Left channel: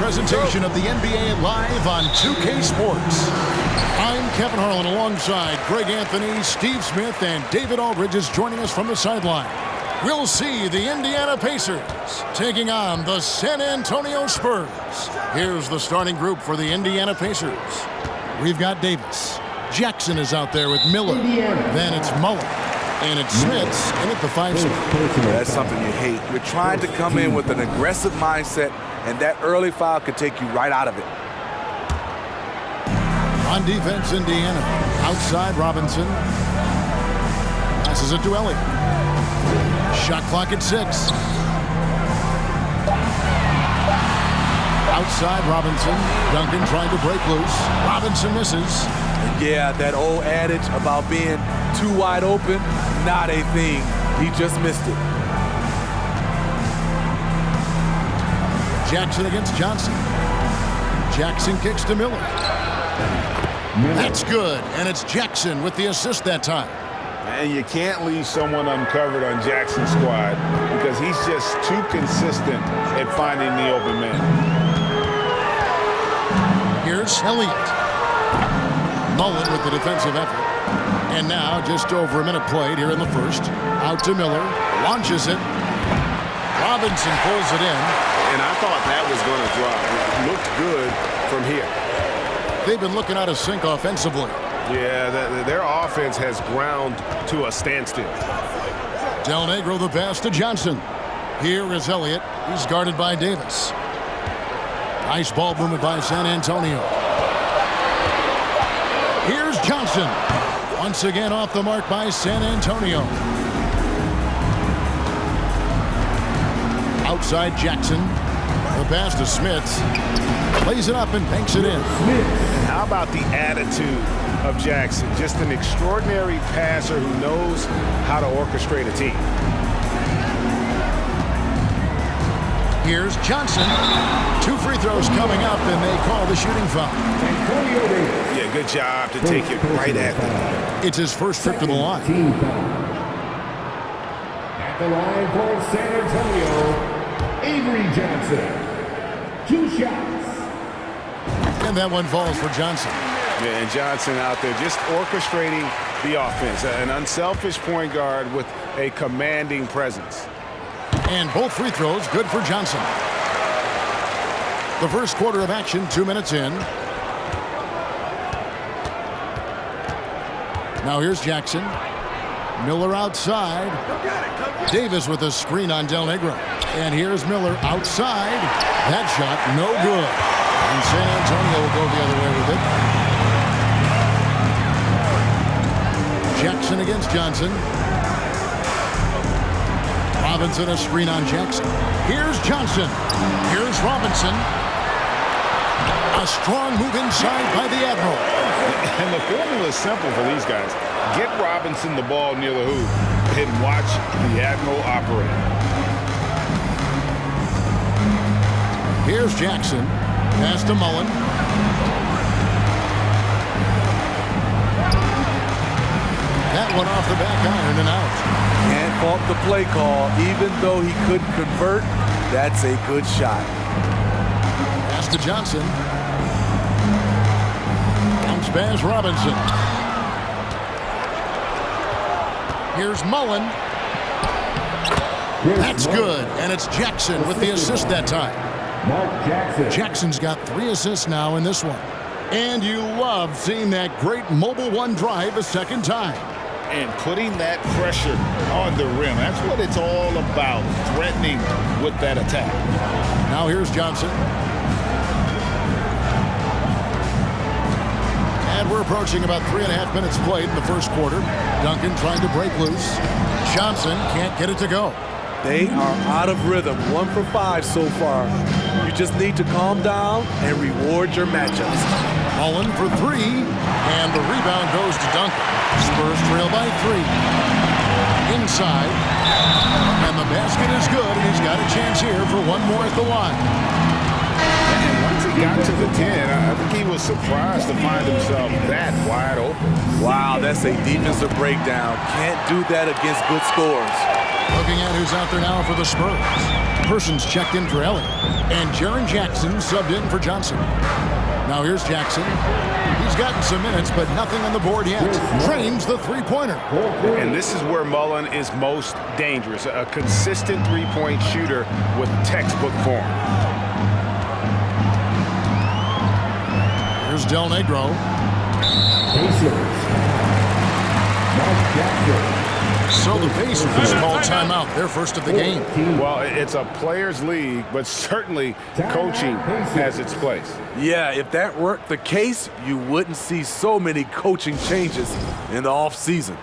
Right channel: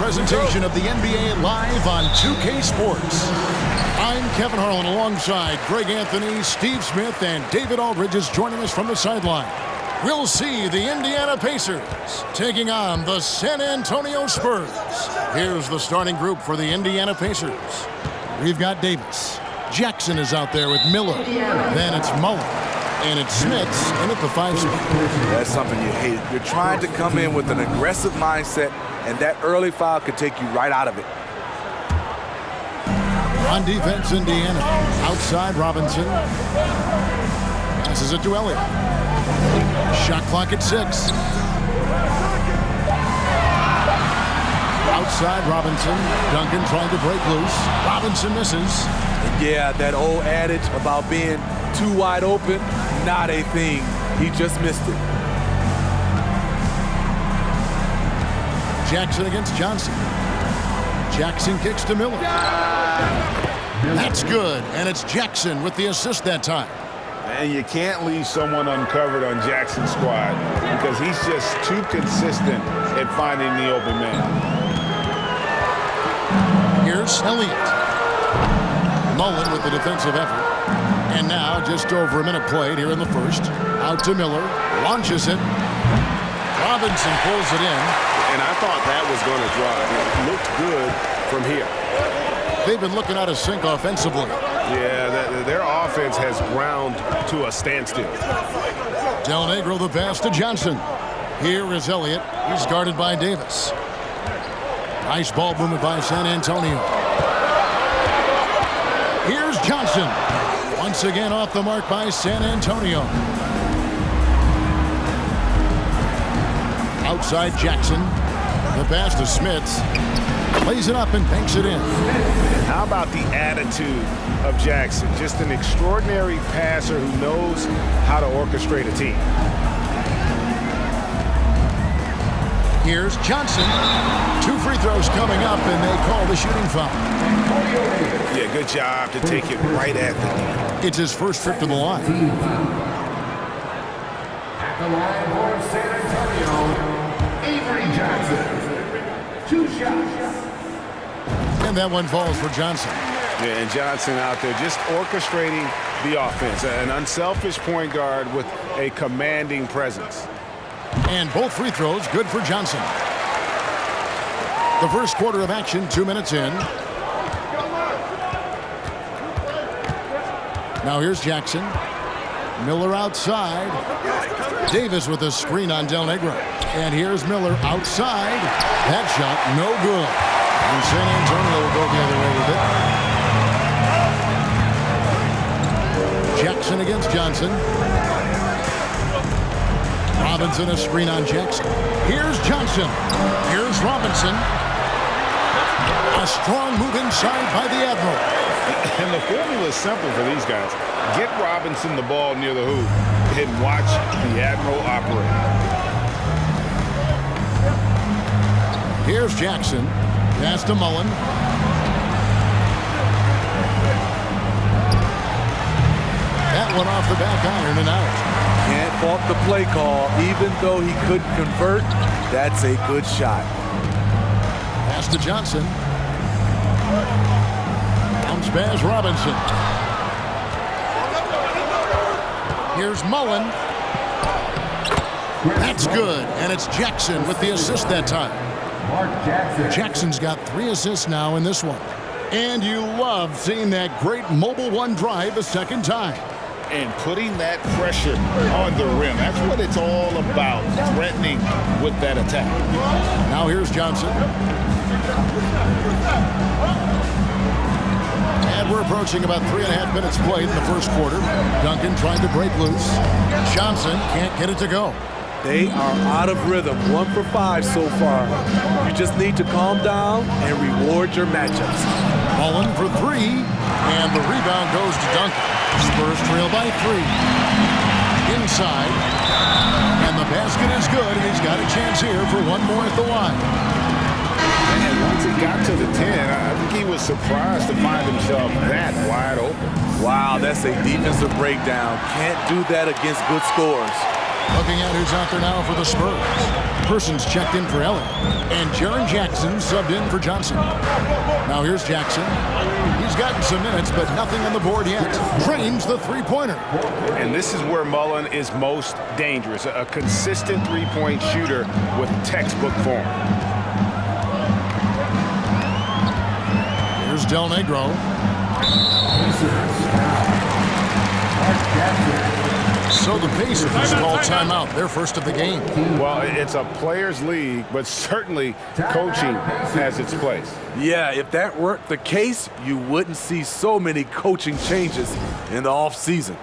Presentation of the NBA live on 2K Sports. I'm Kevin Harlan alongside Greg Anthony, Steve Smith, and David Aldridge is joining us from the sideline. We'll see the Indiana Pacers taking on the San Antonio Spurs. Here's the starting group for the Indiana Pacers. We've got Davis. Jackson is out there with Miller. Then it's Mullen. And it's Smith's in at the 5 spot. That's something you hate. You're trying to come in with an aggressive mindset, and that early foul could take you right out of it. On defense, Indiana. Outside, Robinson. Passes it to Elliott. Shot clock at 6. Outside, Robinson. Duncan trying to break loose. Robinson misses. And yeah, that old adage about being too wide open, not a thing. He just missed it. Jackson against Johnson. Jackson kicks to Miller. That's good, and it's Jackson with the assist that time. And you can't leave someone uncovered on Jackson's squad because he's just too consistent at finding the open man. Here's Elliott. Mullen with the defensive effort. And now just over a minute played here in the first. Out to Miller. Launches it. Robinson pulls it in. And I thought that was going to drive. It looked good from here. They've been looking out of sync offensively. Yeah, their offense has ground to a standstill. Del Negro the pass to Johnson. Here is Elliott. He's guarded by Davis. Nice ball movement by San Antonio. Here's Johnson. Once again off the mark by San Antonio. Outside Jackson. The pass to Smith. Plays it up and banks it in. And how about the attitude of Jackson? Just an extraordinary passer who knows how to orchestrate a team. Here's Johnson. 2 free throws coming up, and they call the shooting foul. Yeah, good job to take it right at the knee. It's his first trip to the line. At the line for San Antonio, Avery Johnson. 2 shots. And that one falls for Johnson. Yeah, and Johnson out there just orchestrating the offense. An unselfish point guard with a commanding presence. And both free throws good for Johnson. The first quarter of action, 2 minutes in. Now here's Jackson. Miller outside. Davis with a screen on Del Negro. And here's Miller outside. That shot no good. And San Antonio will go the other way with it. Jackson against Johnson. Robinson a screen on Jackson. Here's Johnson. Here's Robinson. A strong move inside by the Admiral. And the formula is simple for these guys. Get Robinson the ball near the hoop and watch the Admiral operate. Here's Jackson. Pass to Mullen. That one off the back iron and out. Can't fault the play call. Even though he couldn't convert, that's a good shot. Pass to Johnson. Bounce pass Robinson. Here's Mullen. That's good, and it's Jackson with the assist that time. Mark Jackson. Jackson's got 3 assists now in this one. And you love seeing that great mobile one drive a second time. And putting that pressure on the rim. That's what it's all about, threatening with that attack. Now here's Johnson. And we're approaching about 3.5 minutes played in the first quarter. Duncan trying to break loose. Johnson can't get it to go. They are out of rhythm. 1 for 5 so far. You just need to calm down and reward your matchups. Mullen for 3, and the rebound goes to Duncan. Spurs trail by 3. Inside, and the basket is good, and he's got a chance here for one more at the line. And once he got to the 10, I think he was surprised to find himself that wide open. Wow, that's a defensive breakdown. Can't do that against good scores. Looking at who's out there now for the Spurs. Persons checked in for Elliott. And Jaren Jackson subbed in for Johnson. Now here's Jackson. He's gotten some minutes, but nothing on the board yet. Drains the three-pointer. And this is where Mullen is most dangerous. A consistent three-point shooter with textbook form. Here's Del Negro. So the Pacers call timeout, their first of the game. Well, it's a players' league, but certainly coaching has its place. Yeah, if that weren't the case, you wouldn't see so many coaching changes in the offseason.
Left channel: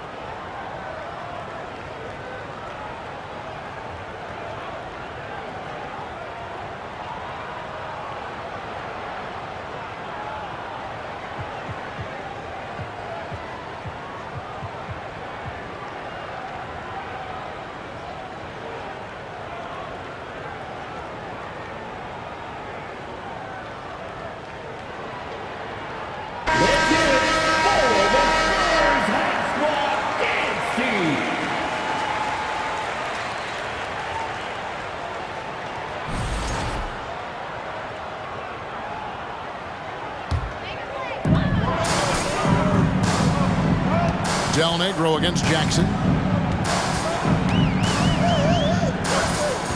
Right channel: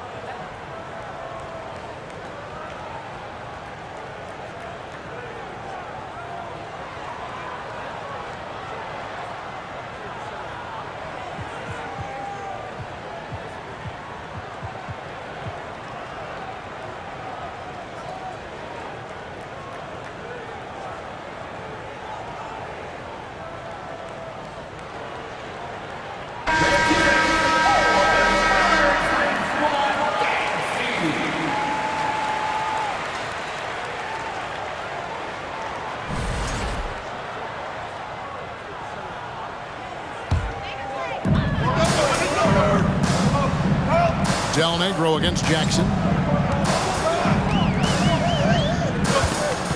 Del Negro against Jackson.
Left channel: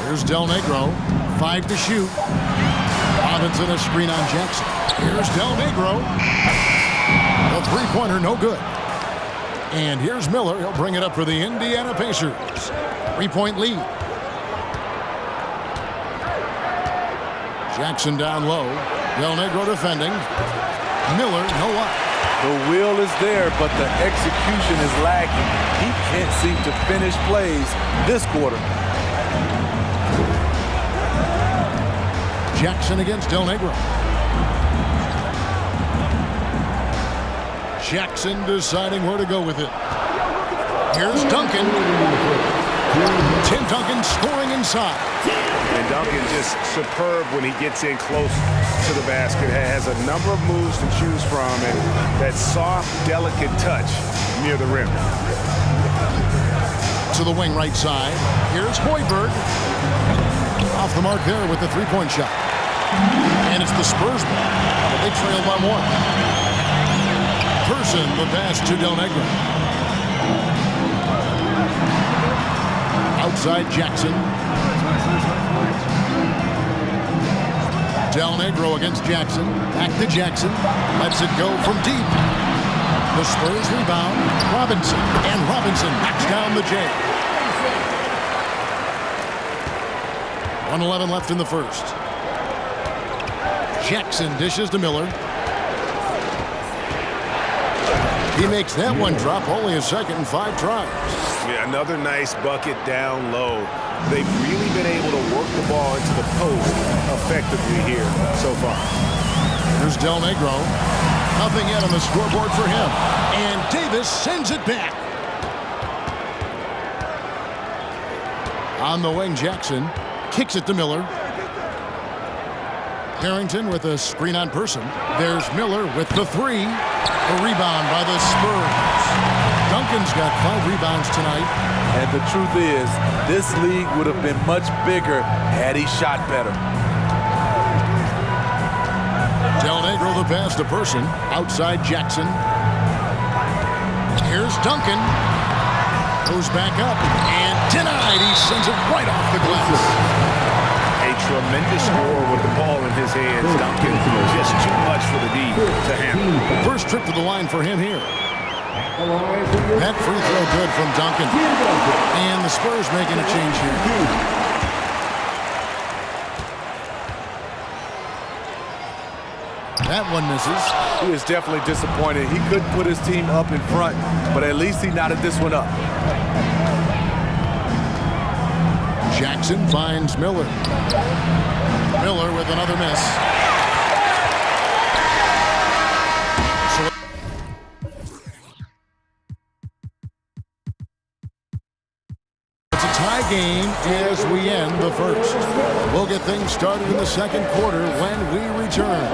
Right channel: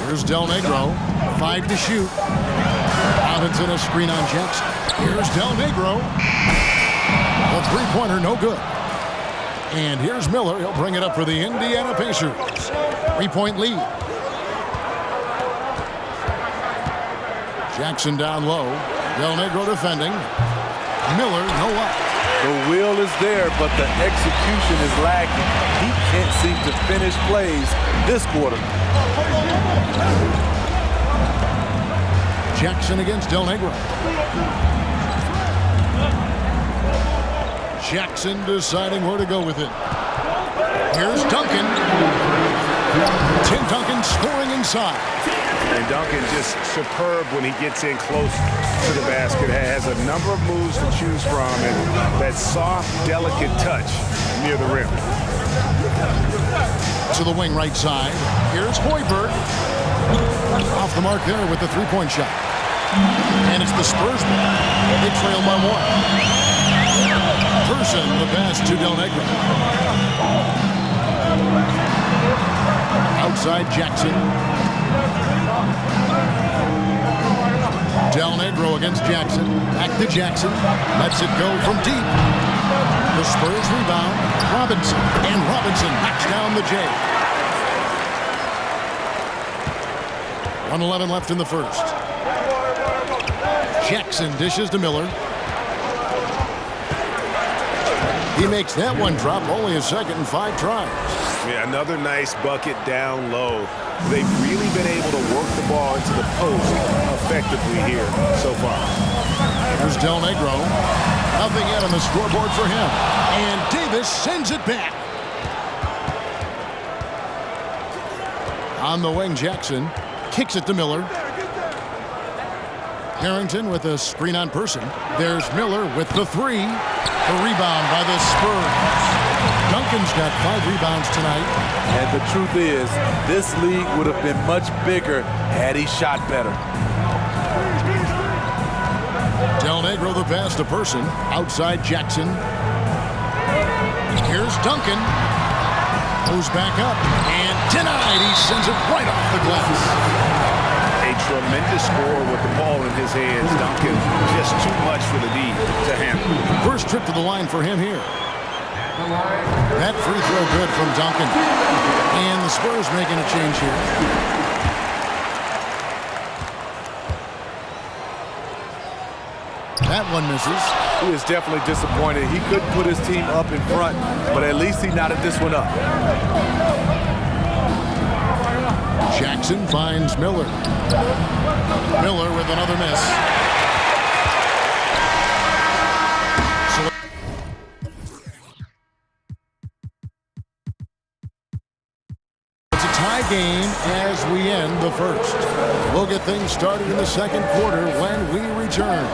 Here's Del Negro. 5 to shoot. Robinson a screen on Jackson. Here's Del Negro. The three-pointer no good. And here's Miller. He'll bring it up for the Indiana Pacers. 3-point lead. Jackson down low. Del Negro defending. Miller no up. The will is there, but the execution is lacking. He can't seem to finish plays this quarter. Jackson against Del Negro. Jackson deciding where to go with it. Here's Duncan. Tim Duncan scoring inside. And Duncan just superb when he gets in close to the basket. Has a number of moves to choose from and that soft, delicate touch near the rim. To the wing right side. Here's Hoiberg. Off the mark there with the three-point shot. And it's the Spurs ball. They trail by 1. Person the pass to Del Negro. Outside Jackson. Del Negro against Jackson. Back to Jackson. Lets it go from deep. The Spurs rebound. Robinson. And Robinson knocks down the J. 1:11 left in the first. Jackson dishes to Miller. He makes that one drop. Only a second and 5 tries. Yeah, another nice bucket down low. They've really been able to work the ball into the post effectively here so far. Here's Del Negro. Nothing yet on the scoreboard for him. And Davis sends it back. On the wing, Jackson kicks it to Miller. Harrington with a screen on Person. There's Miller with the 3. The rebound by the Spurs. Duncan's got 5 rebounds tonight. And the truth is, this league would have been much bigger had he shot better. Del Negro the pass to Person. Outside Jackson. Here's Duncan. Goes back up. And denied. He sends it right off the glass. A tremendous scorer with the ball in his hands. Duncan just too much for the D to handle. First trip to the line for him here. That free throw good from Duncan. And the Spurs making a change here. That one misses. He is definitely disappointed. He couldn't put his team up in front, but at least he knotted this one up. Jackson finds Miller. Miller with another miss. So it's a tie game as we end the first. We'll get things started in the second quarter when we return.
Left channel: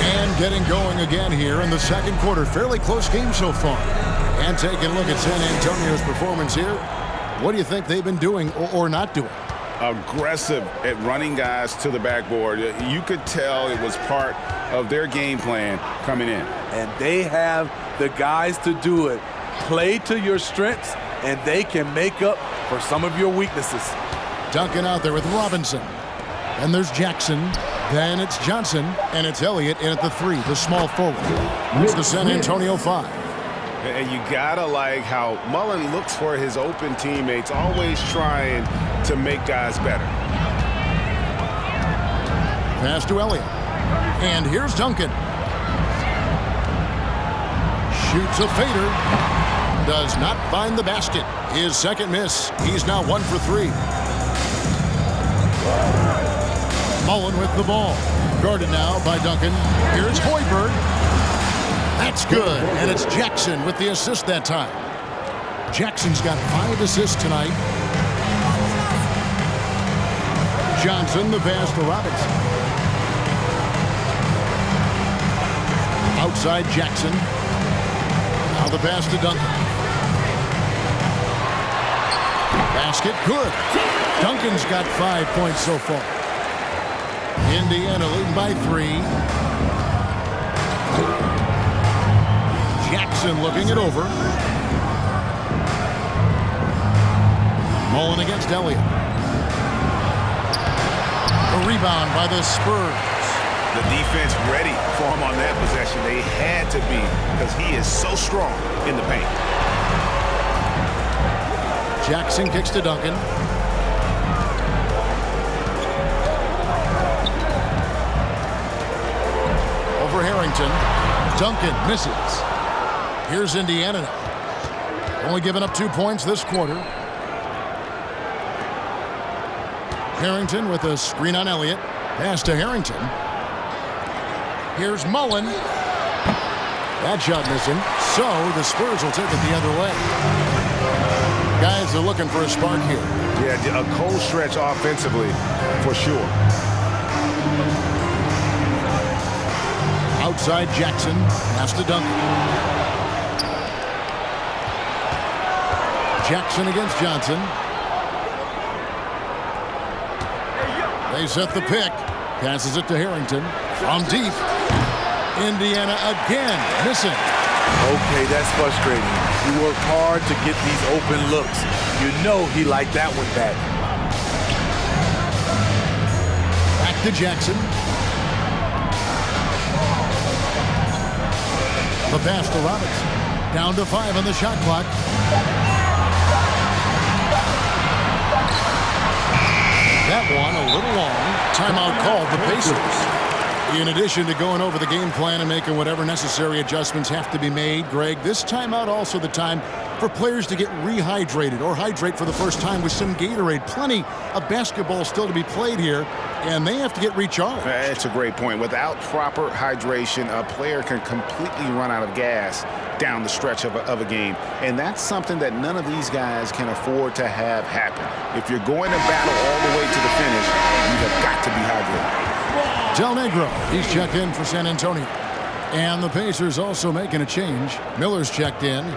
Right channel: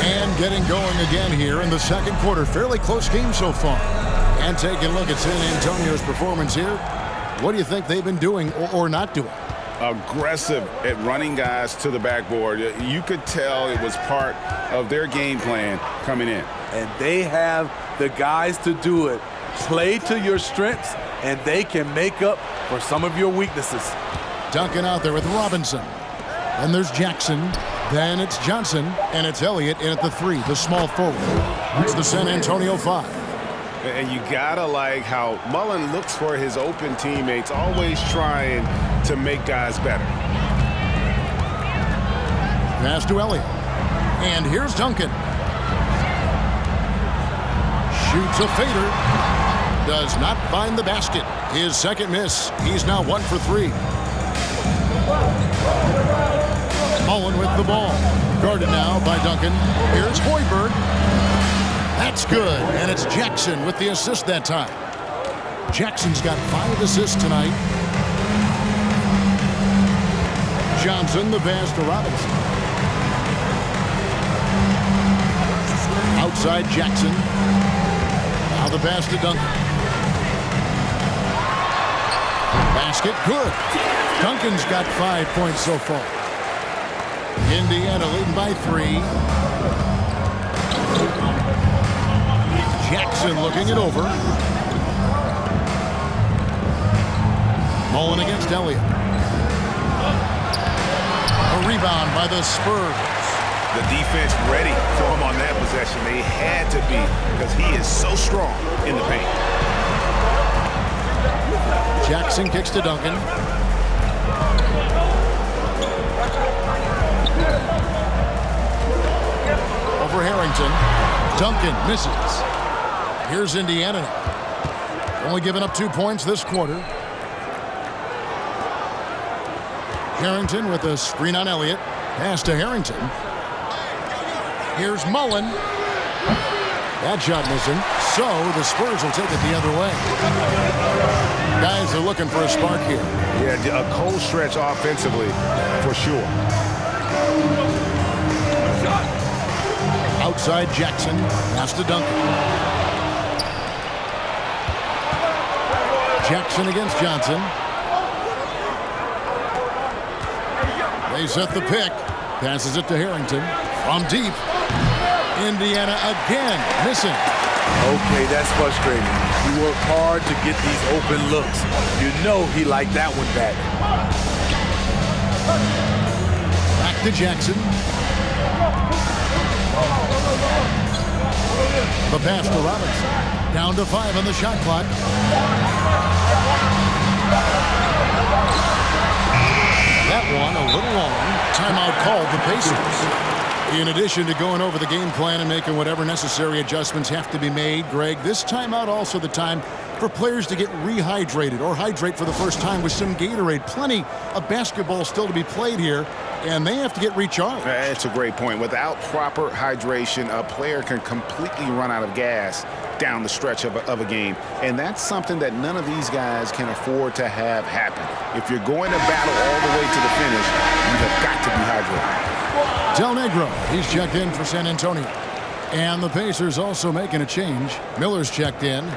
And getting going again here in the second quarter. Fairly close game so far. And taking a look at San Antonio's performance here, what do you think they've been doing or not doing? Aggressive at running guys to the backboard. You could tell it was part of their game plan coming in. And they have the guys to do it. Play to your strengths, and they can make up for some of your weaknesses. Duncan out there with Robinson. Then there's Jackson. Then it's Johnson. And it's Elliott in at the 3, the small forward. That's the San Antonio 5. And you gotta like how Mullen looks for his open teammates, always trying to make guys better. Pass to Elliott. And here's Duncan. Shoots a fader. Does not find the basket. His second miss. He's now 1 for 3. Mullen with the ball. Guarded now by Duncan. Here's Hoiberg. That's good. And it's Jackson with the assist that time. Jackson's got 5 assists tonight. Johnson, the pass to Robinson. Outside Jackson. Now the pass to Duncan. Basket, good. Duncan's got 5 points so far. Indiana leading by 3. Jackson looking it over. Mullen against Elliott. A rebound by the Spurs. The defense ready for him on that possession. They had to be because he is so strong in the paint. Jackson kicks to Duncan. Over Harrington. Duncan misses. Here's Indiana now. Only giving up 2 points this quarter. Harrington with a screen on Elliott. Pass to Harrington. Here's Mullen. That shot missing. So the Spurs will take it the other way. Guys are looking for a spark here. Yeah, a cold stretch offensively for sure. Outside Jackson. Pass to Duncan. Jackson against Johnson. They set the pick. Passes it to Harrington. From deep. Indiana again missing. Okay, that's frustrating. You work hard to get these open looks. You know he liked that one back. Back to Jackson. The pass to Robinson. Down to 5 on the shot clock. That one a little long. Timeout called the Pacers. In addition to going over the game plan and making whatever necessary adjustments have to be made, Greg, this timeout also the time for players to get rehydrated or hydrate for the first time with some Gatorade. Plenty of basketball still to be played here, and they have to get recharged. That's a great point. Without proper hydration, a player can completely run out of gas down the stretch of a game. And that's something that none of these guys can afford to have happen. If you're going to battle all the way to the finish, you have got to be hydrated. Del Negro, he's checked in for San Antonio. And the Pacers also making a change. Miller's checked in.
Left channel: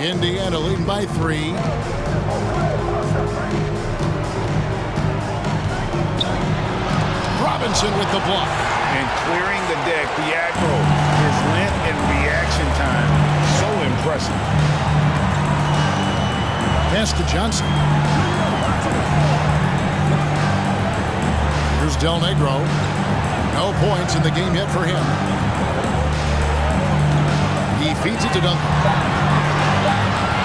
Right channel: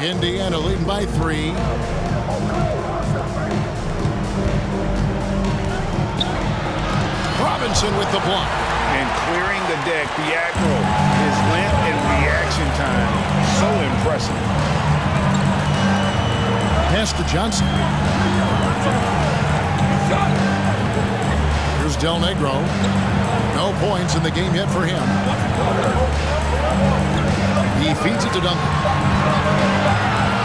Indiana leading by 3. Robinson with the block. And clearing the deck, the aggro, his length and reaction time, so impressive. Pass to Johnson. Here's Del Negro. No points in the game yet for him. He feeds it to Duncan.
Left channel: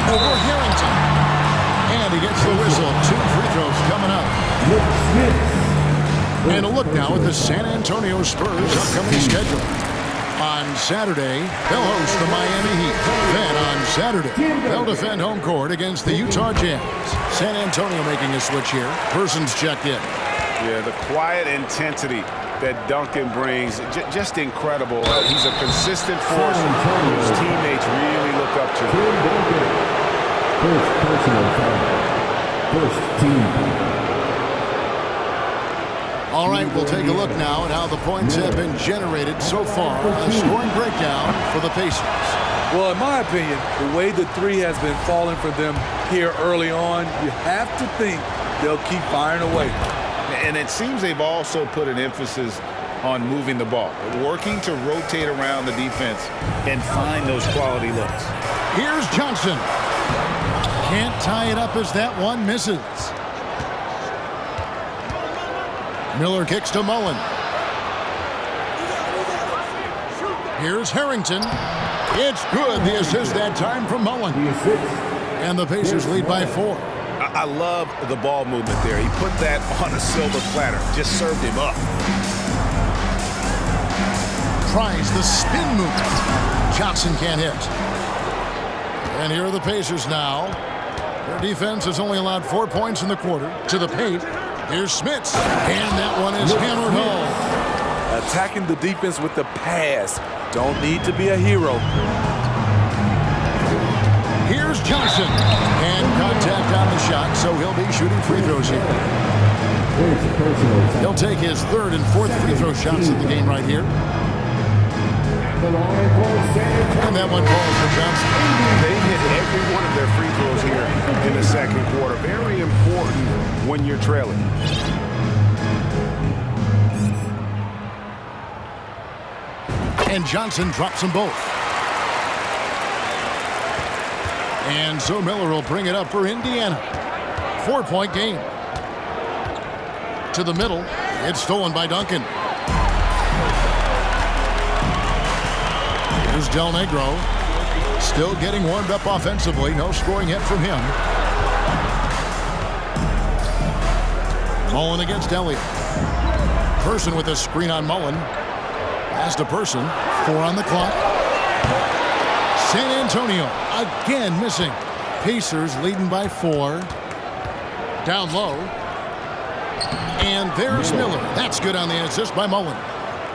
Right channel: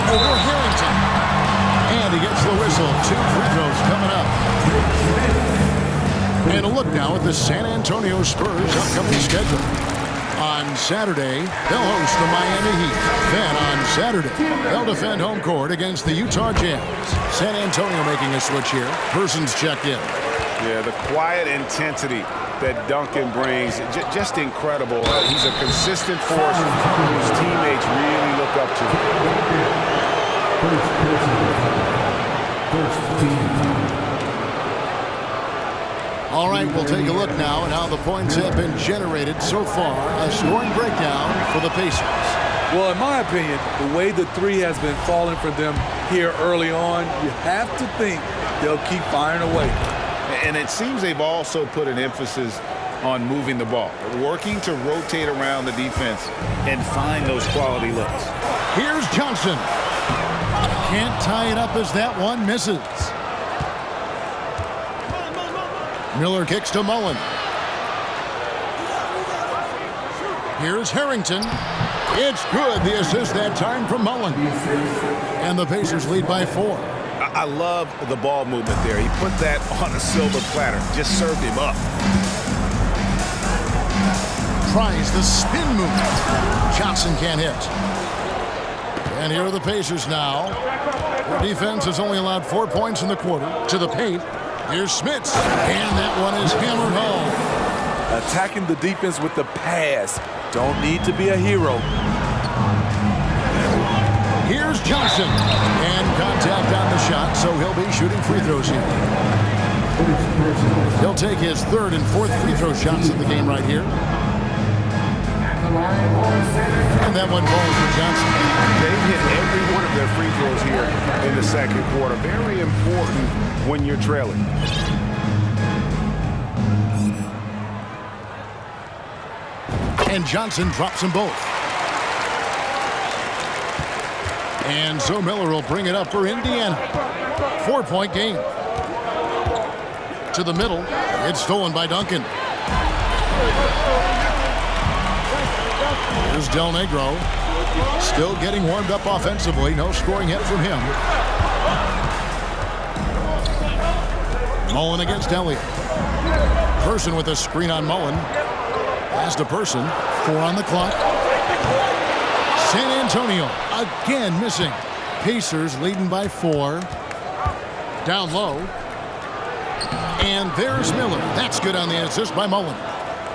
Over Harrington. And he gets the whistle. 2 free throws coming up. And a look now at the San Antonio Spurs' upcoming schedule. On Saturday, they'll host the Miami Heat. Then on Saturday, they'll defend home court against the Utah Jazz. San Antonio making a switch here. Persons checked in. Yeah, the quiet intensity that Duncan brings, just incredible. He's a consistent force whose teammates really look up to. First personal foul. First team foul. All right, we'll take a look now at how the points have been generated so far. A scoring breakdown for the Pacers. Well, in my opinion, the way the three has been falling for them here early on, you have to think they'll keep firing away. And it seems they've also put an emphasis on moving the ball, working to rotate around the defense and find those quality looks. Here's Johnson. Can't tie it up as that one misses. Miller kicks to Mullen. Here's Harrington. It's good. The assist that time from Mullen. And the Pacers lead by 4. I love the ball movement there. He put that on a silver platter. Just served him up. Tries the spin movement. Johnson can't hit. And here are the Pacers now. Their defense has only allowed 4 points in the quarter. To the paint. Here's Smits. And that one is hammered home. Attacking the defense with the pass. Don't need to be a hero. Here's Johnson. And contact on the shot, so he'll be shooting free throws here. He'll take his 3rd and 4th free throw shots of the game right here. And that one falls for Johnson. They've hit every one of their free throws here in the second quarter. Very important when you're trailing. And Johnson drops them both. And so Miller will bring it up for Indiana. 4-point game. To the middle. It's stolen by Duncan. Here's Del Negro. Still getting warmed up offensively. No scoring hit from him. Mullen against Elliott. Person with a screen on Mullen. Pass to Person. 4 on the clock. San Antonio again missing. Pacers leading by 4. Down low. And there's Miller. That's good on the assist by Mullen.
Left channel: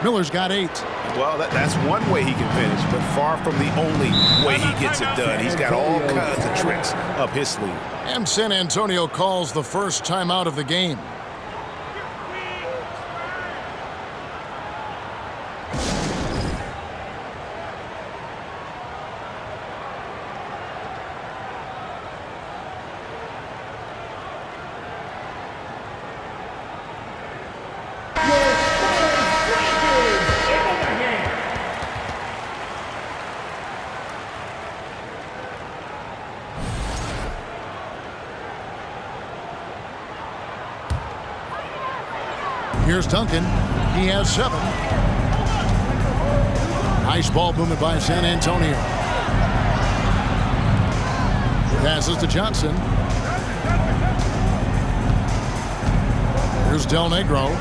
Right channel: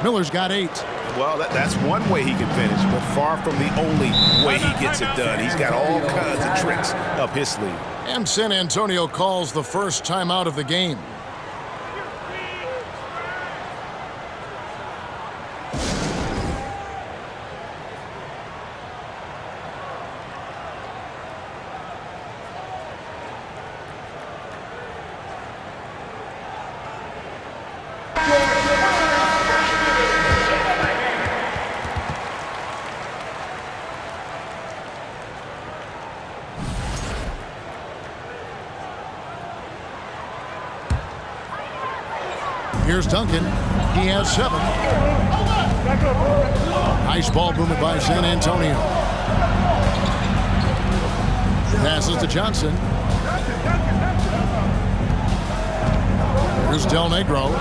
Miller's got 8. Well, that's one way he can finish, but far from the only way he gets it done. He's got all kinds of tricks up his sleeve. And San Antonio calls the first timeout of the game. Here's Duncan. He has 7. Nice ball movement by San Antonio. Passes to Johnson. Here's Del Negro.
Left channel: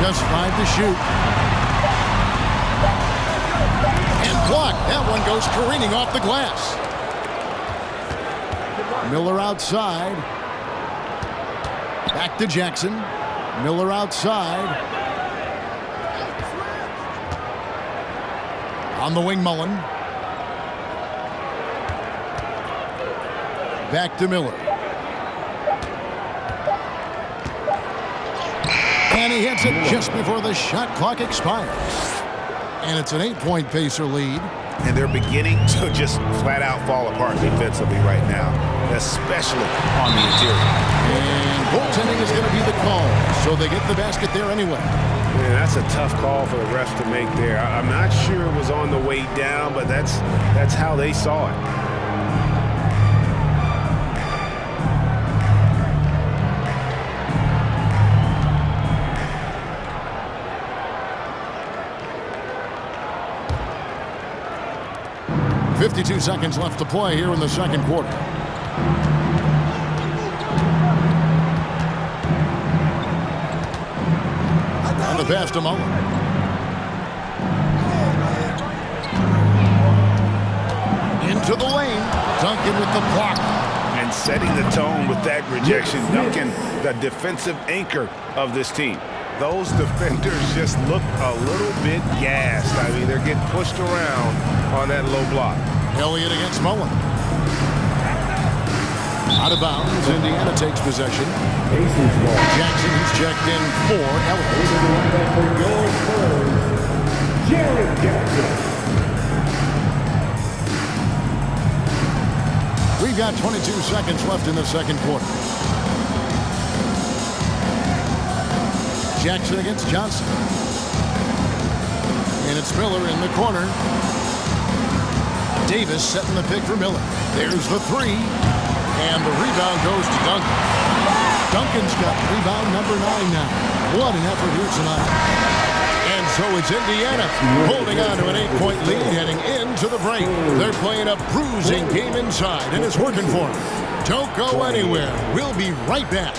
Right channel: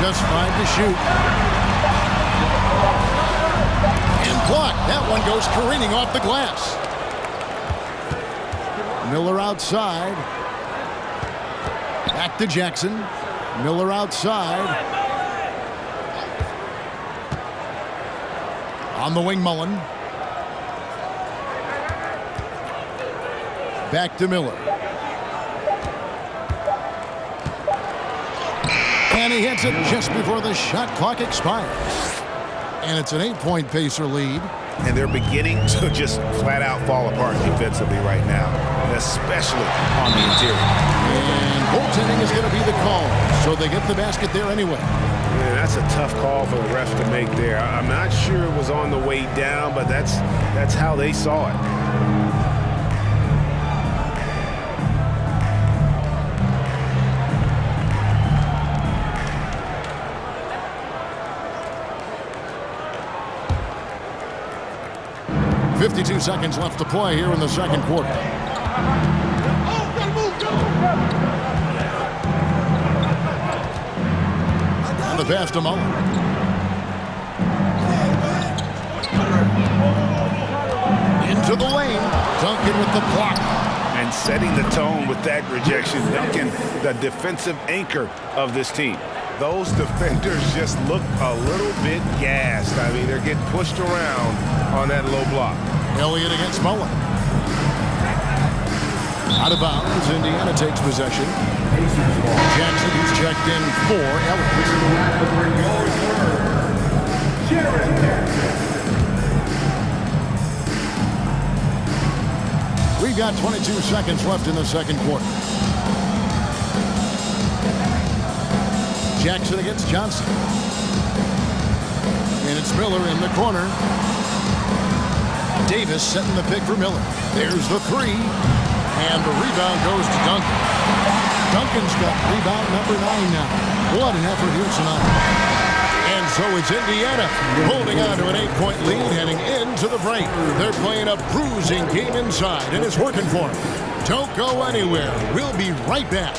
Just 5 to shoot. And blocked. That one goes careening off the glass. Miller outside. Back to Jackson. Miller outside. On the wing, Mullen. Back to Miller. And he hits it just before the shot clock expires. And it's an 8-point Pacer lead. And they're beginning to just flat out fall apart defensively right now, especially on the interior. And goaltending is going to be the call, so they get the basket there anyway. Man, that's a tough call for the refs to make there. I'm not sure it was on the way down, but that's how they saw it. .52 seconds left to play here in the second quarter. And the pass to Mullen. Into the lane. Duncan with the block. And setting the tone with that rejection. Duncan, the defensive anchor of this team. Those defenders just look a little bit gassed. I mean, they're getting pushed around on that low block. Elliott against Mullen. Out of bounds. Indiana takes possession. Jackson, who's checked in for Elliott. We've got 22 seconds left in the second quarter. Jackson against Johnson. And it's Miller in the corner. Davis setting the pick for Miller. There's the three. And the rebound goes to Duncan. Duncan's got rebound number 9 now. What an effort here tonight. And so it's Indiana holding on to an 8-point lead heading into the break. They're playing a bruising game inside, and it's working for them. Don't go anywhere. We'll be right back.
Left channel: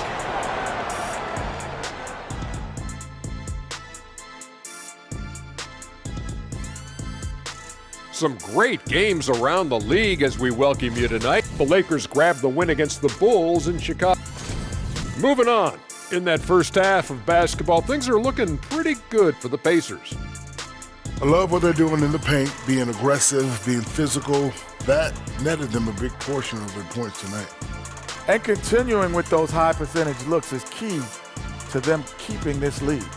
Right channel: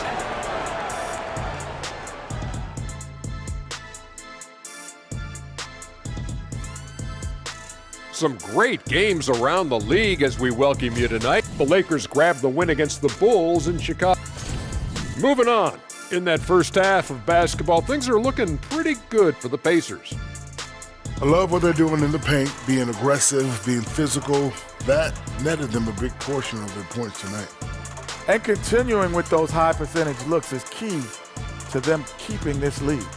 Some great games around the league as we welcome you tonight. The Lakers grabbed the win against the Bulls in Chicago. Moving on. In that first half of basketball, things are looking pretty good for the Pacers. I love what they're doing in the paint, being aggressive, being physical. That netted them a big portion of their points tonight. And continuing with those high percentage looks is key to them keeping this lead.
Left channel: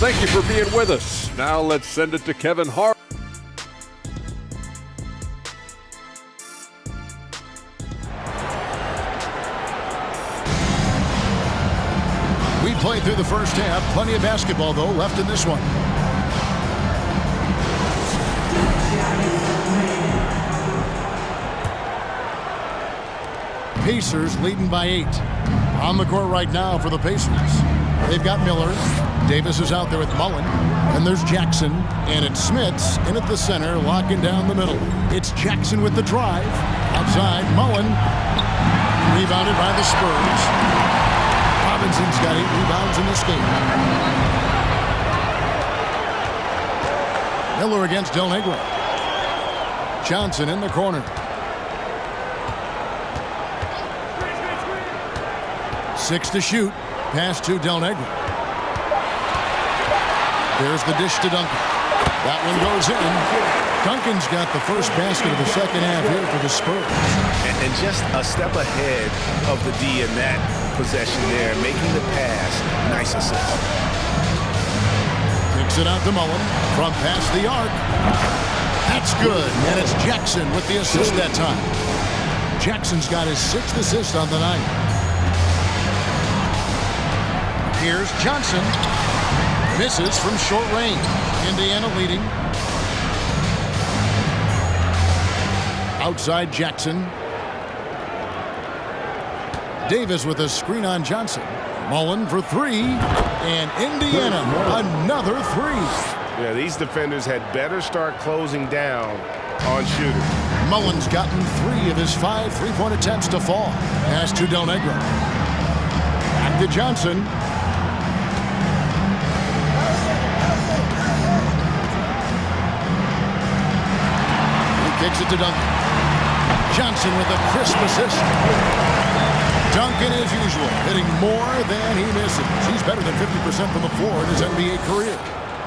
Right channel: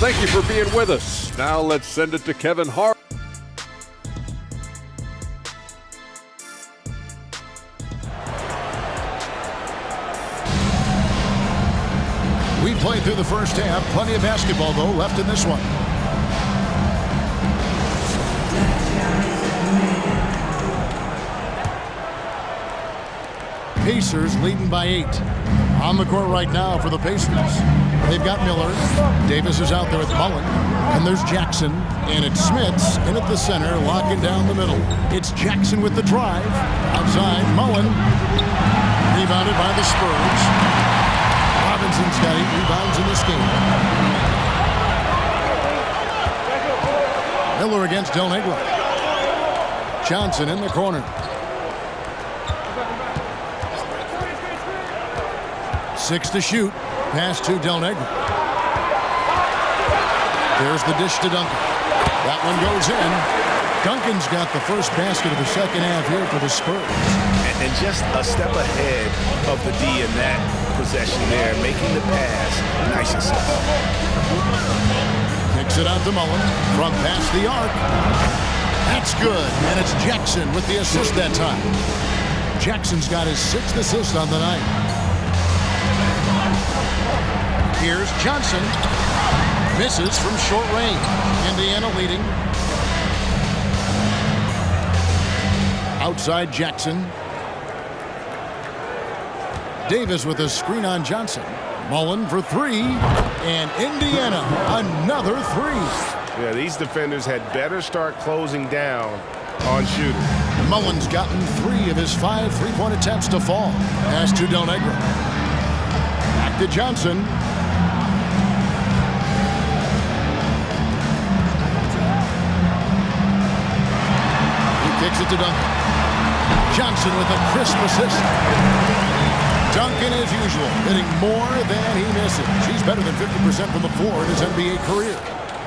Thank you for being with us. Now let's send it to Kevin Hart. We played through the first half. Plenty of basketball, though, left in this one. Pacers leading by 8. On the court right now for the Pacers. They've got Miller. Davis is out there with Mullen. And there's Jackson. And it's Smits in at the center, locking down the middle. It's Jackson with the drive. Outside, Mullen. Rebounded by the Spurs. Robinson's got 8 rebounds in this game. Miller against Del Negro. Johnson in the corner. 6 to shoot. Pass to Del Negro. There's the dish to Duncan. That one goes in. Duncan's got the first basket of the second half here for the Spurs. And just a step ahead of the D in that possession there, making the pass. Nice assist. Kicks it out to Mullen from past the arc. That's good, and it's Jackson with the assist that time. Jackson's got his 6th assist on the night. Here's Johnson. Misses from short range. Indiana leading. Outside Jackson. Davis with a screen on Johnson. Mullen for 3. And Indiana, another 3. Yeah, these defenders had better start closing down on shooters. Mullen's gotten 3 of his 5 three-point attempts to fall. Pass to Del Negro. Back to Johnson. He kicks it to Duncan. Johnson with a crisp assist. Duncan, as usual, hitting more than he misses. He's better than 50% from the floor in his NBA career.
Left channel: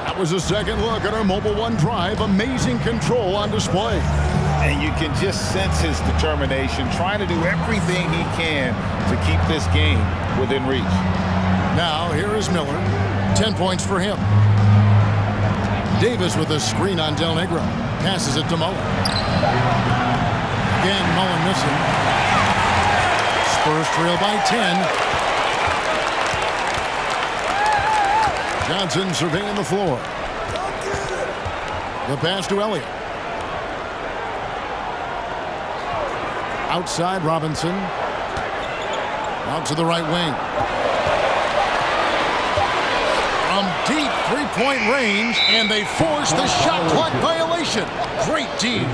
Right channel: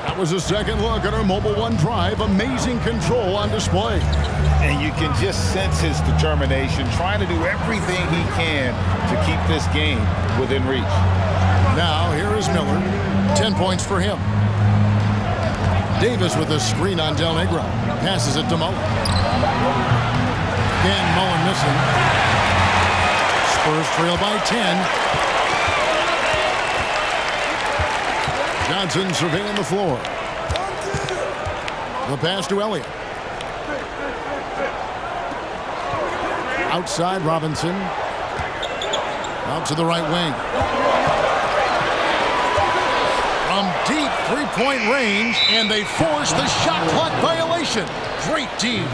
That was a second look at our Mobile One drive. Amazing control on display. And you can just sense his determination, trying to do everything he can to keep this game within reach. Now, here is Miller. 10 points for him. Davis with a screen on Del Negro. Passes it to Mullen. Again, Mullen missing. Spurs trail by 10. Johnson surveying the floor. The pass to Elliott. Outside Robinson. Out to the right wing. From deep three-point range, and they force the shot clock violation. Great D.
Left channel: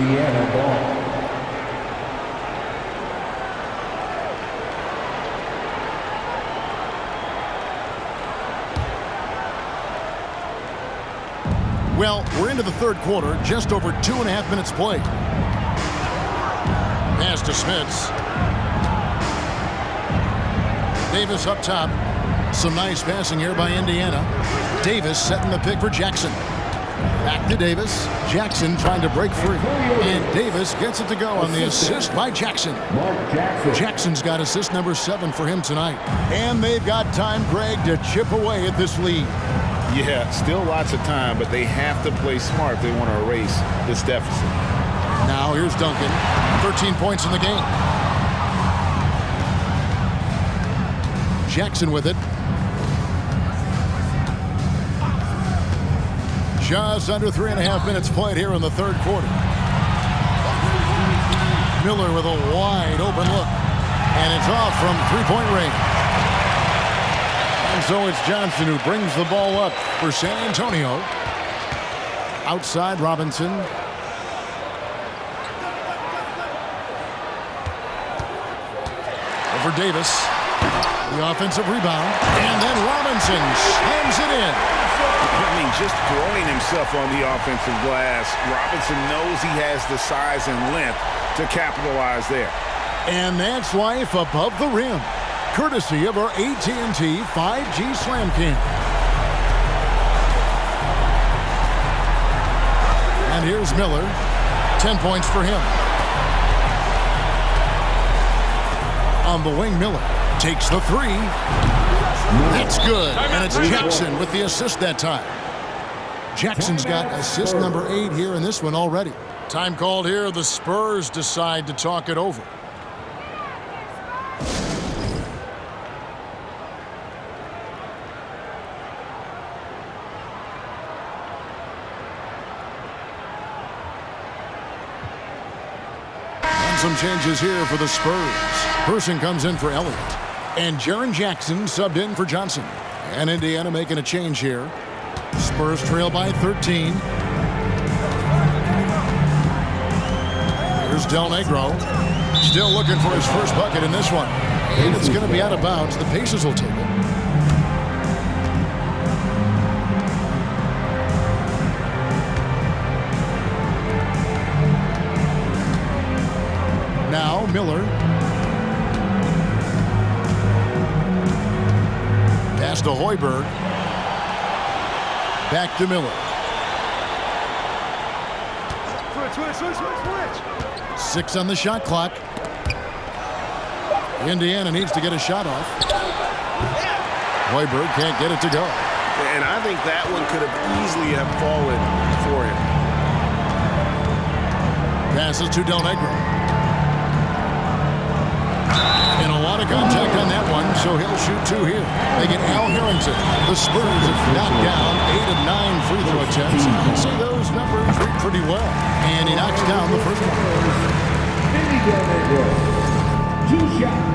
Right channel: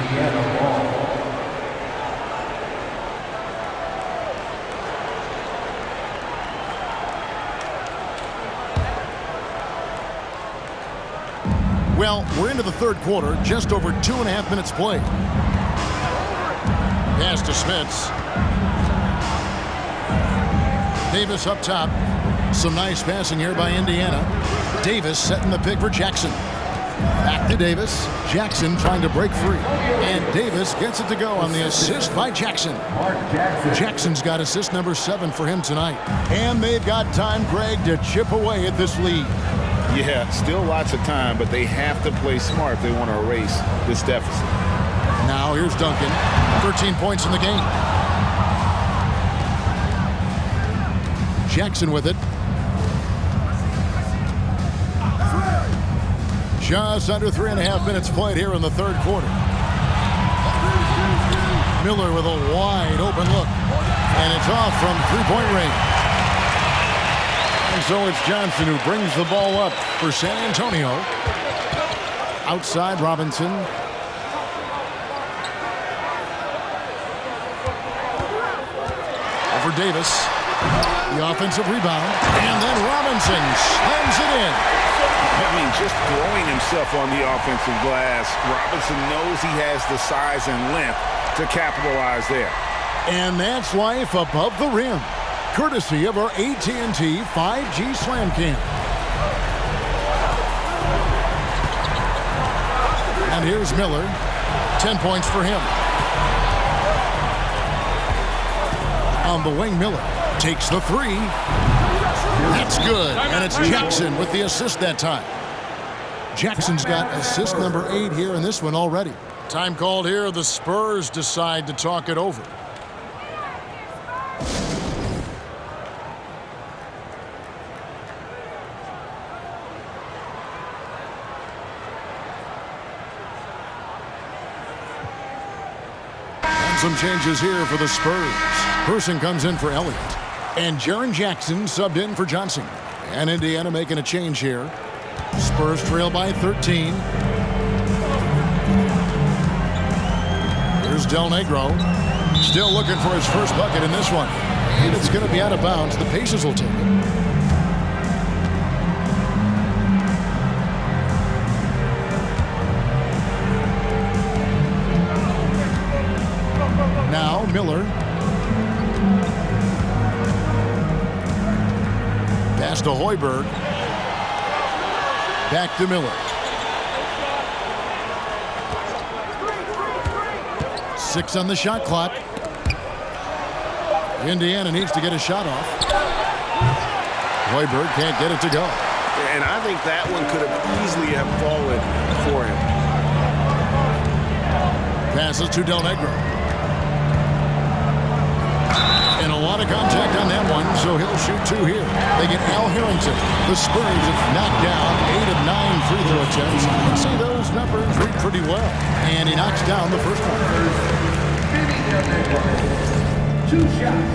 Well, we're into the third quarter, just over 2.5 minutes played. Pass to Smits. Davis up top. Some nice passing here by Indiana. Davis setting the pick for Jackson. Back to Davis. Jackson trying to break free. And Davis gets it to go on the assist by Jackson. Jackson's got assist number 7 for him tonight. And they've got time, Greg, to chip away at this lead. Yeah, still lots of time, but they have to play smart if they want to erase this deficit. Now here's Duncan. 13 points in the game. Jackson with it. Just under 3.5 minutes played here in the third quarter. Miller with a wide open look. And it's off from three-point range. And so it's Johnson who brings the ball up for San Antonio. Outside Robinson. Over Davis. The offensive rebound. And then Robinson slams it in. I mean, just throwing himself on the offensive glass. Robinson knows he has the size and length to capitalize there. And that's life above the rim, courtesy of our AT&T 5G Slam Cam. And here's Miller. 10 points for him. On the wing, Miller takes the three. That's good. And it's Jackson with the assist that time. Jackson's got assist number 8 here in this one already. Time called here. The Spurs decide to talk it over. And some changes here for the Spurs. Person comes in for Elliott. And Jaren Jackson subbed in for Johnson. And Indiana making a change here. Spurs trail by 13. Here's Del Negro. Still looking for his first bucket in this one. And it's going to be out of bounds. The Pacers will take it. Now Miller. Pass to Hoiberg. Back to Miller. 6 on the shot clock. Indiana needs to get a shot off. Hoiberg can't get it to go. And I think that one could have easily have fallen for him. Passes to Del Negro. And a lot of contact on that one, so he'll shoot 2 here. They get Al Harrington. The Spurs have knocked down 8 of 9 free throw attempts. You can see those numbers read pretty well. And he knocks down the first one. Del Negro. 2 shots.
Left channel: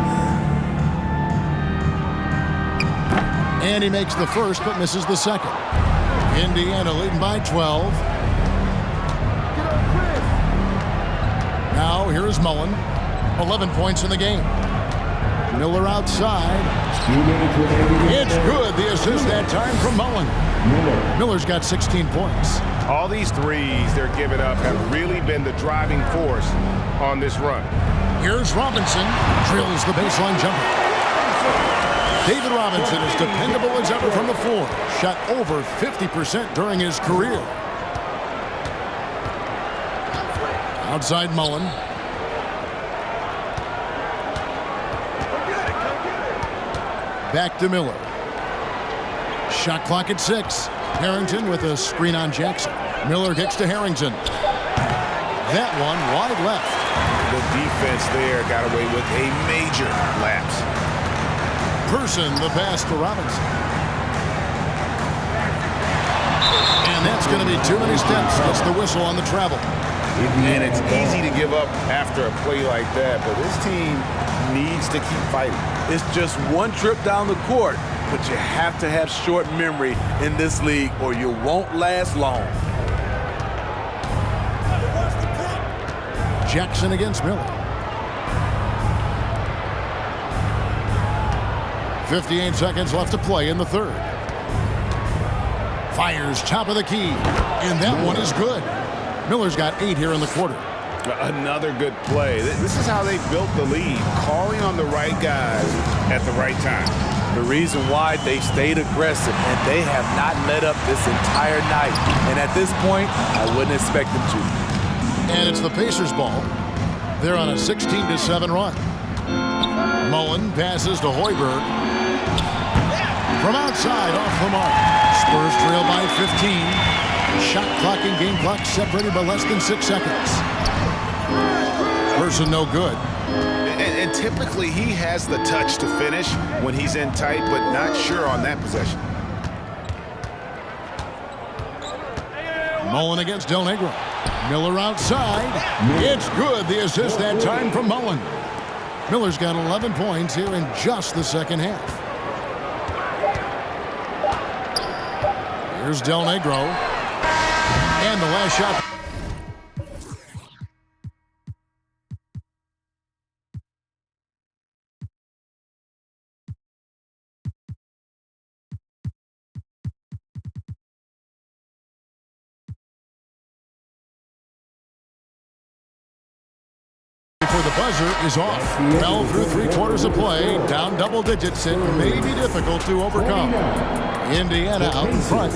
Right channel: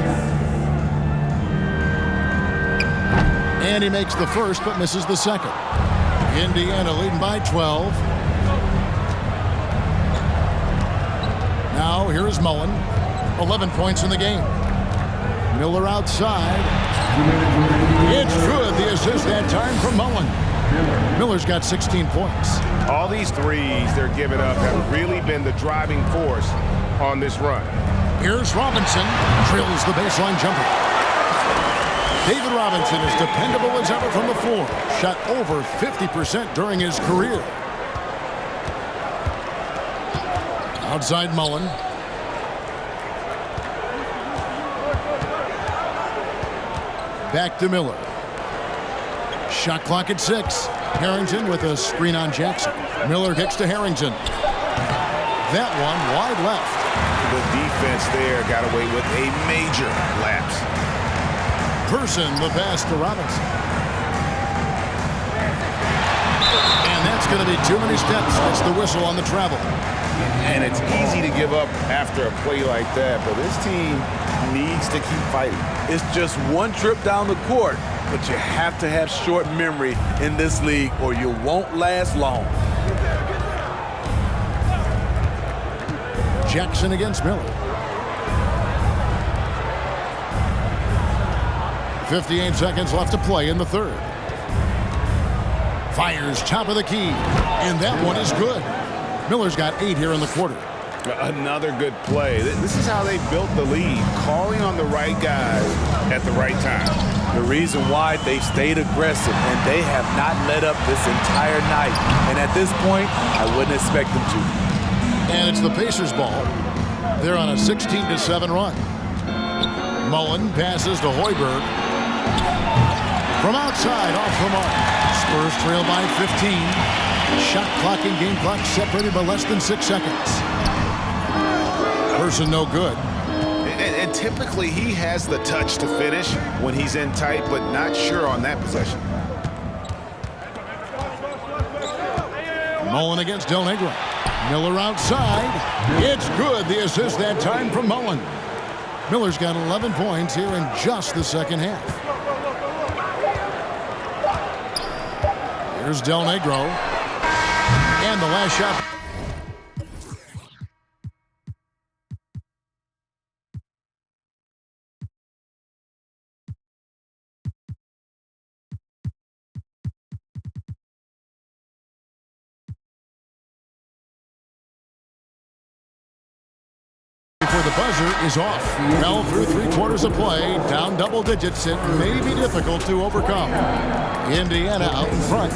And he makes the first, but misses the second. Indiana leading by 12. Now here's Mullen. 11 points in the game. Miller outside. It's good. The assist that time from Mullen. Miller's got 16 points. All these threes they're giving up have really been the driving force on this run. Here's Robinson. Drills the baseline jumper. David Robinson is dependable as ever from the floor. Shot over 50% during his career. Outside Mullen. Back to Miller. Shot clock at 6. Harrington with a screen on Jackson. Miller kicks to Harrington. That one wide left. The defense there got away with a major lapse. Person the pass to Robinson. And that's going to be too many steps. Gets the whistle on the travel. And it's easy to give up after a play like that, but this team needs to keep fighting. It's just one trip down the court, but you have to have short memory in this league or you won't last long. Jackson against Miller. 58 seconds left to play in the third. Fires top of the key, and that one is good. Miller's got 8 here in the quarter. Another good play. This is how they built the lead, calling on the right guys at the right time. The reason why they stayed aggressive, and they have not let up this entire night. And at this point, I wouldn't expect them to. And it's the Pacers' ball. They're on a 16-7 run. Mullen passes to Hoiberg. From outside, off the mark. Spurs trail by 15. Shot clock and game clock separated by less than 6 seconds. Person no good. And typically he has the touch to finish when he's in tight, but not sure on that possession. Mullen against Del Negro. Miller outside. It's good. The assist that time from Mullen. Miller's got 11 points here in just the second half. Here's Del Negro. And the last shot. For the buzzer is off. Well through 3/4 of play, down double digits. It may be difficult to overcome. Indiana out in front,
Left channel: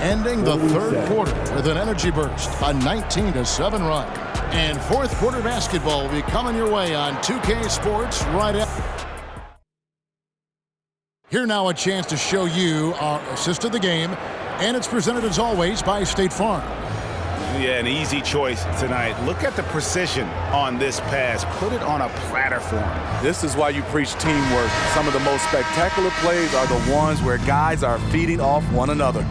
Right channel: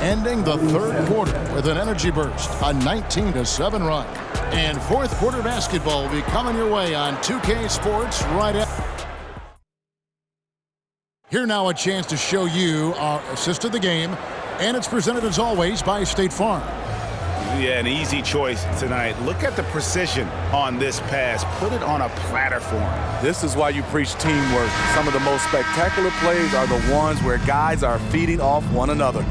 ending the third quarter with an energy burst, a 19-7 run. And fourth quarter basketball will be coming your way on 2K Sports right after. Here now a chance to show you our assist of the game, and it's presented as always by State Farm. Yeah, an easy choice tonight. Look at the precision on this pass. Put it on a platter for him. This is why you preach teamwork. Some of the most spectacular plays are the ones where guys are feeding off one another.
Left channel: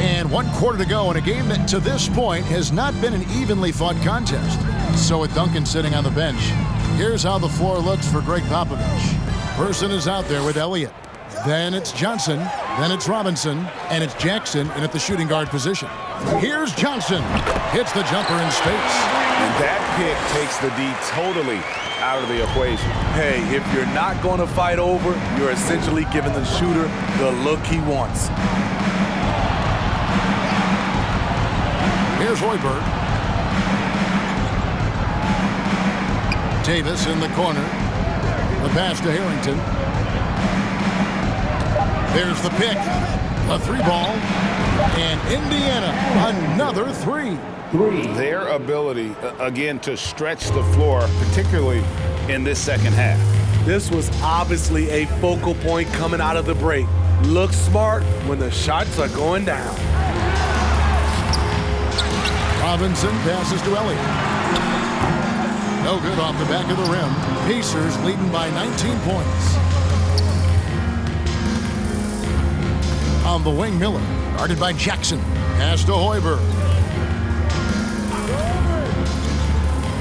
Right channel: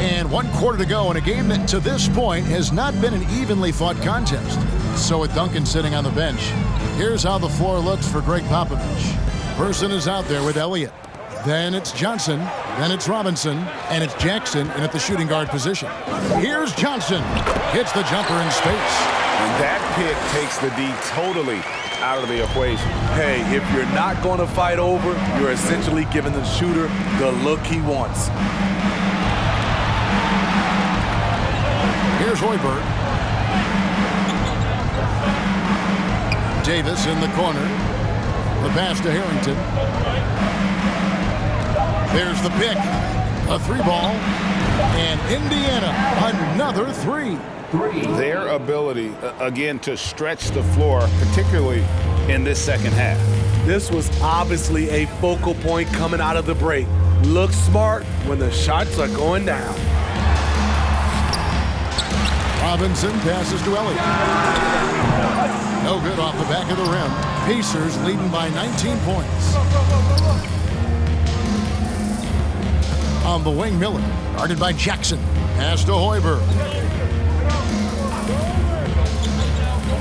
And 1 quarter to go in a game that to this point has not been an evenly fought contest. So with Duncan sitting on the bench, here's how the floor looks for Greg Popovich. Person is out there with Elliott. Then it's Johnson, then it's Robinson, and it's Jackson in at the shooting guard position. Here's Johnson. Hits the jumper in space. And that pick takes the D totally out of the equation. Hey, if you're not going to fight over, you're essentially giving the shooter the look he wants. Here's Hoiberg. Davis in the corner. The pass to Harrington. There's the pick, a 3-ball, and Indiana, another 3. Their ability, again, to stretch the floor, particularly in this second half. This was obviously a focal point coming out of the break. Look smart when the shots are going down. Robinson passes to Elliott. No good off the back of the rim. Pacers leading by 19 points. On the wing, Miller, guarded by Jackson. Pass to Hoiberg.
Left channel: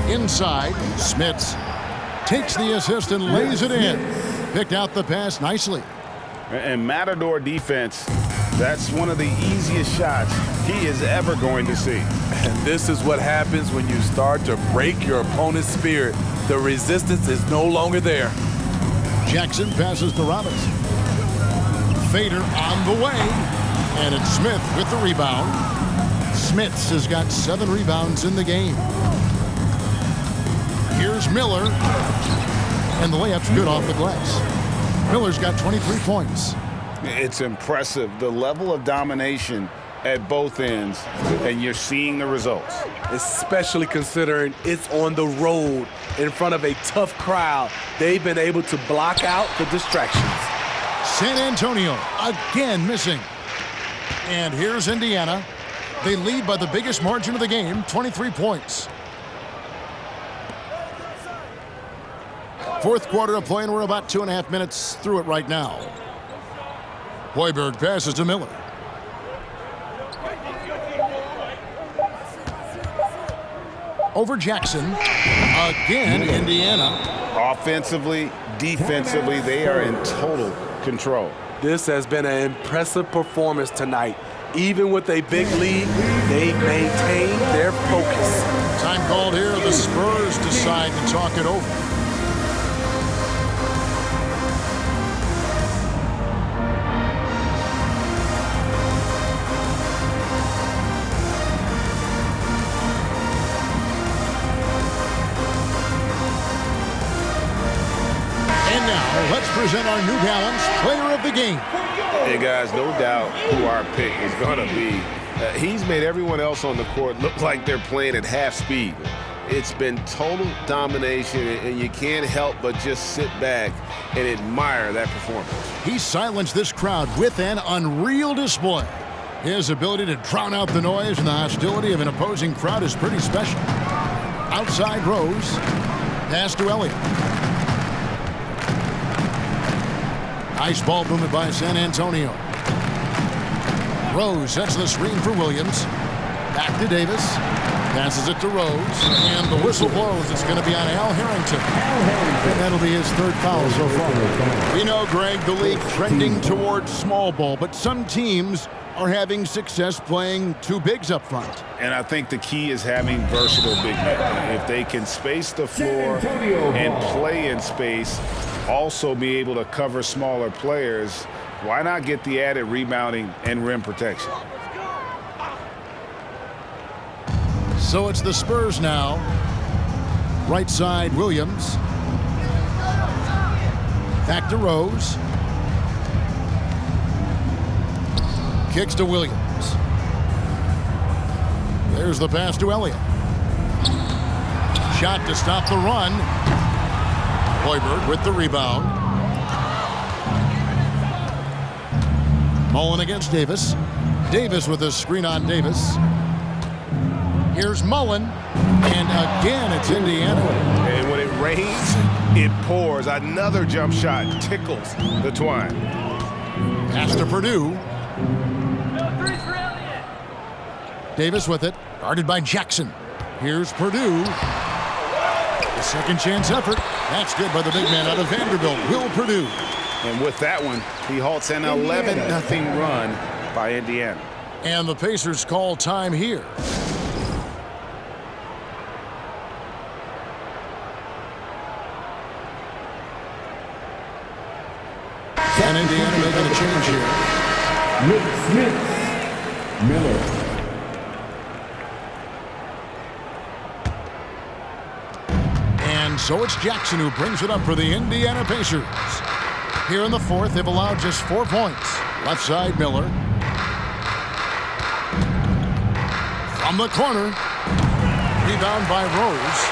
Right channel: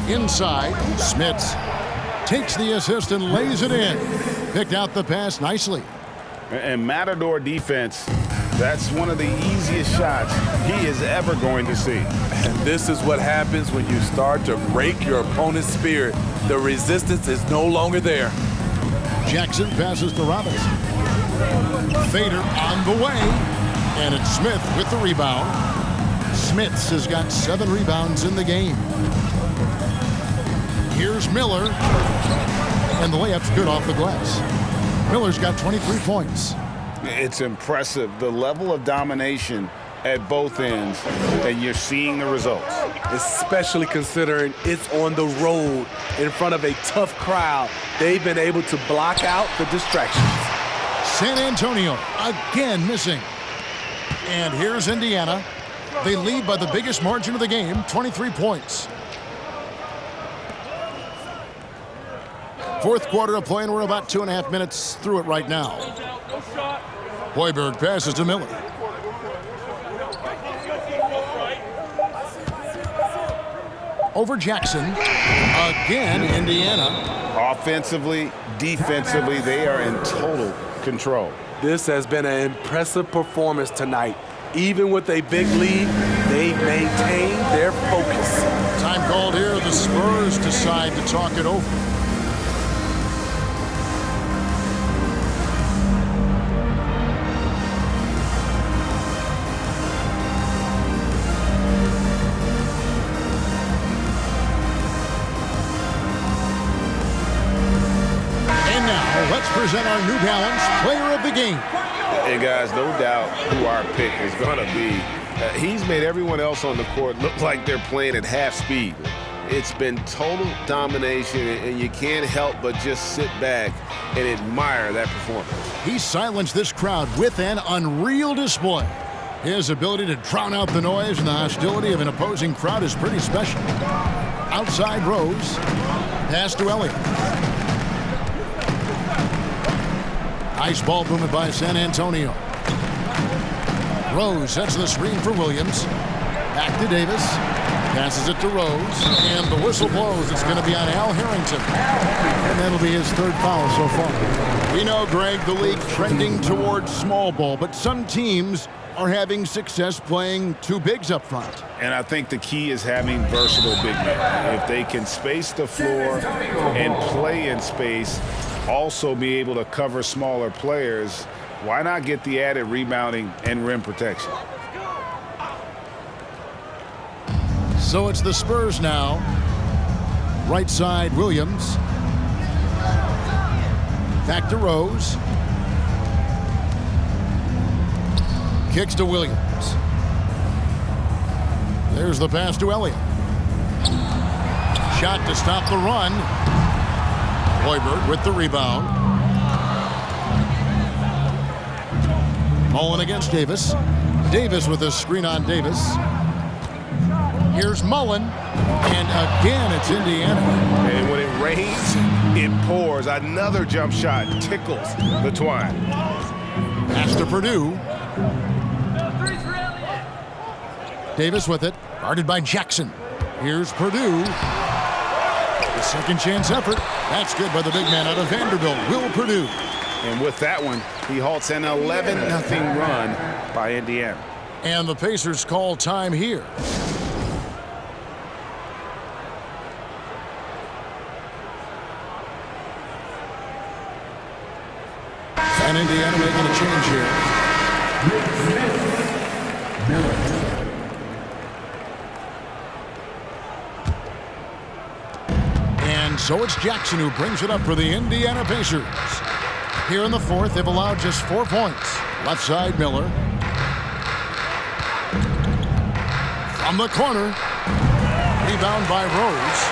Inside, Smits takes the assist and lays it in. Picked out the pass nicely. And Matador defense, that's one of the easiest shots he is ever going to see. And this is what happens when you start to break your opponent's spirit. The resistance is no longer there. Jackson passes to Robinson. Fader on the way, and it's Smith with the rebound. Smith has got 7 rebounds in the game. Here's Miller, and the layup's good off the glass. Miller's got 23 points. It's impressive, the level of domination at both ends, and you're seeing the results. Especially considering it's on the road in front of a tough crowd. They've been able to block out the distractions. San Antonio again missing. And here's Indiana. They lead by the biggest margin of the game, 23 points. Fourth quarter of play, and we're about 2.5 minutes through it right now. Hoiberg passes to Miller. Over Jackson. Again, Indiana. Offensively, defensively, they are in total control. This has been an impressive performance tonight. Even with a big lead, they've maintained their focus. Time called here. The Spurs decide to talk it over. And now, let's present our New Balance Player of the Game. And guys, no doubt who our pick is going to be. He's made everyone else on the court look like they're playing at half speed. It's been total domination, and you can't help but just sit back and admire that performance. He silenced this crowd with an unreal display. His ability to drown out the noise and the hostility of an opposing crowd is pretty special. Outside Rose. Pass to Elliott. Nice ball movement by San Antonio. Rose sets the screen for Williams. Back to Davis. Passes it to Rose. And the whistle blows. It's going to be on Al Harrington. And that'll be his third foul so far. We know, Greg, the league trending towards small ball, but some teams are having success playing two bigs up front. And I think the key is having versatile big men. If they can space the floor and play in space, also be able to cover smaller players, why not get the added rebounding and rim protection? So it's the Spurs now. Right side, Williams. Back to Rose. Kicks to Williams. There's the pass to Elliott. Shot to stop the run. Hoiberg with the rebound. Mullen against Davis. Davis with a screen on Davis. Here's Mullen. And again, it's Indiana. And when it rains, it pours. Another jump shot tickles the twine. Pass to Purdue. Davis with it, guarded by Jackson. Here's Purdue. The second chance effort. That's good by the big man out of Vanderbilt, Will Purdue. And with that one, he halts an 11-0 run by Indiana. And the Pacers call time here. And Indiana making a change here. Miller. And so it's Jackson who brings it up for the Indiana Pacers. Here in the fourth, they've allowed just 4 points. Left side, Miller. From the corner. Rebound by Rose.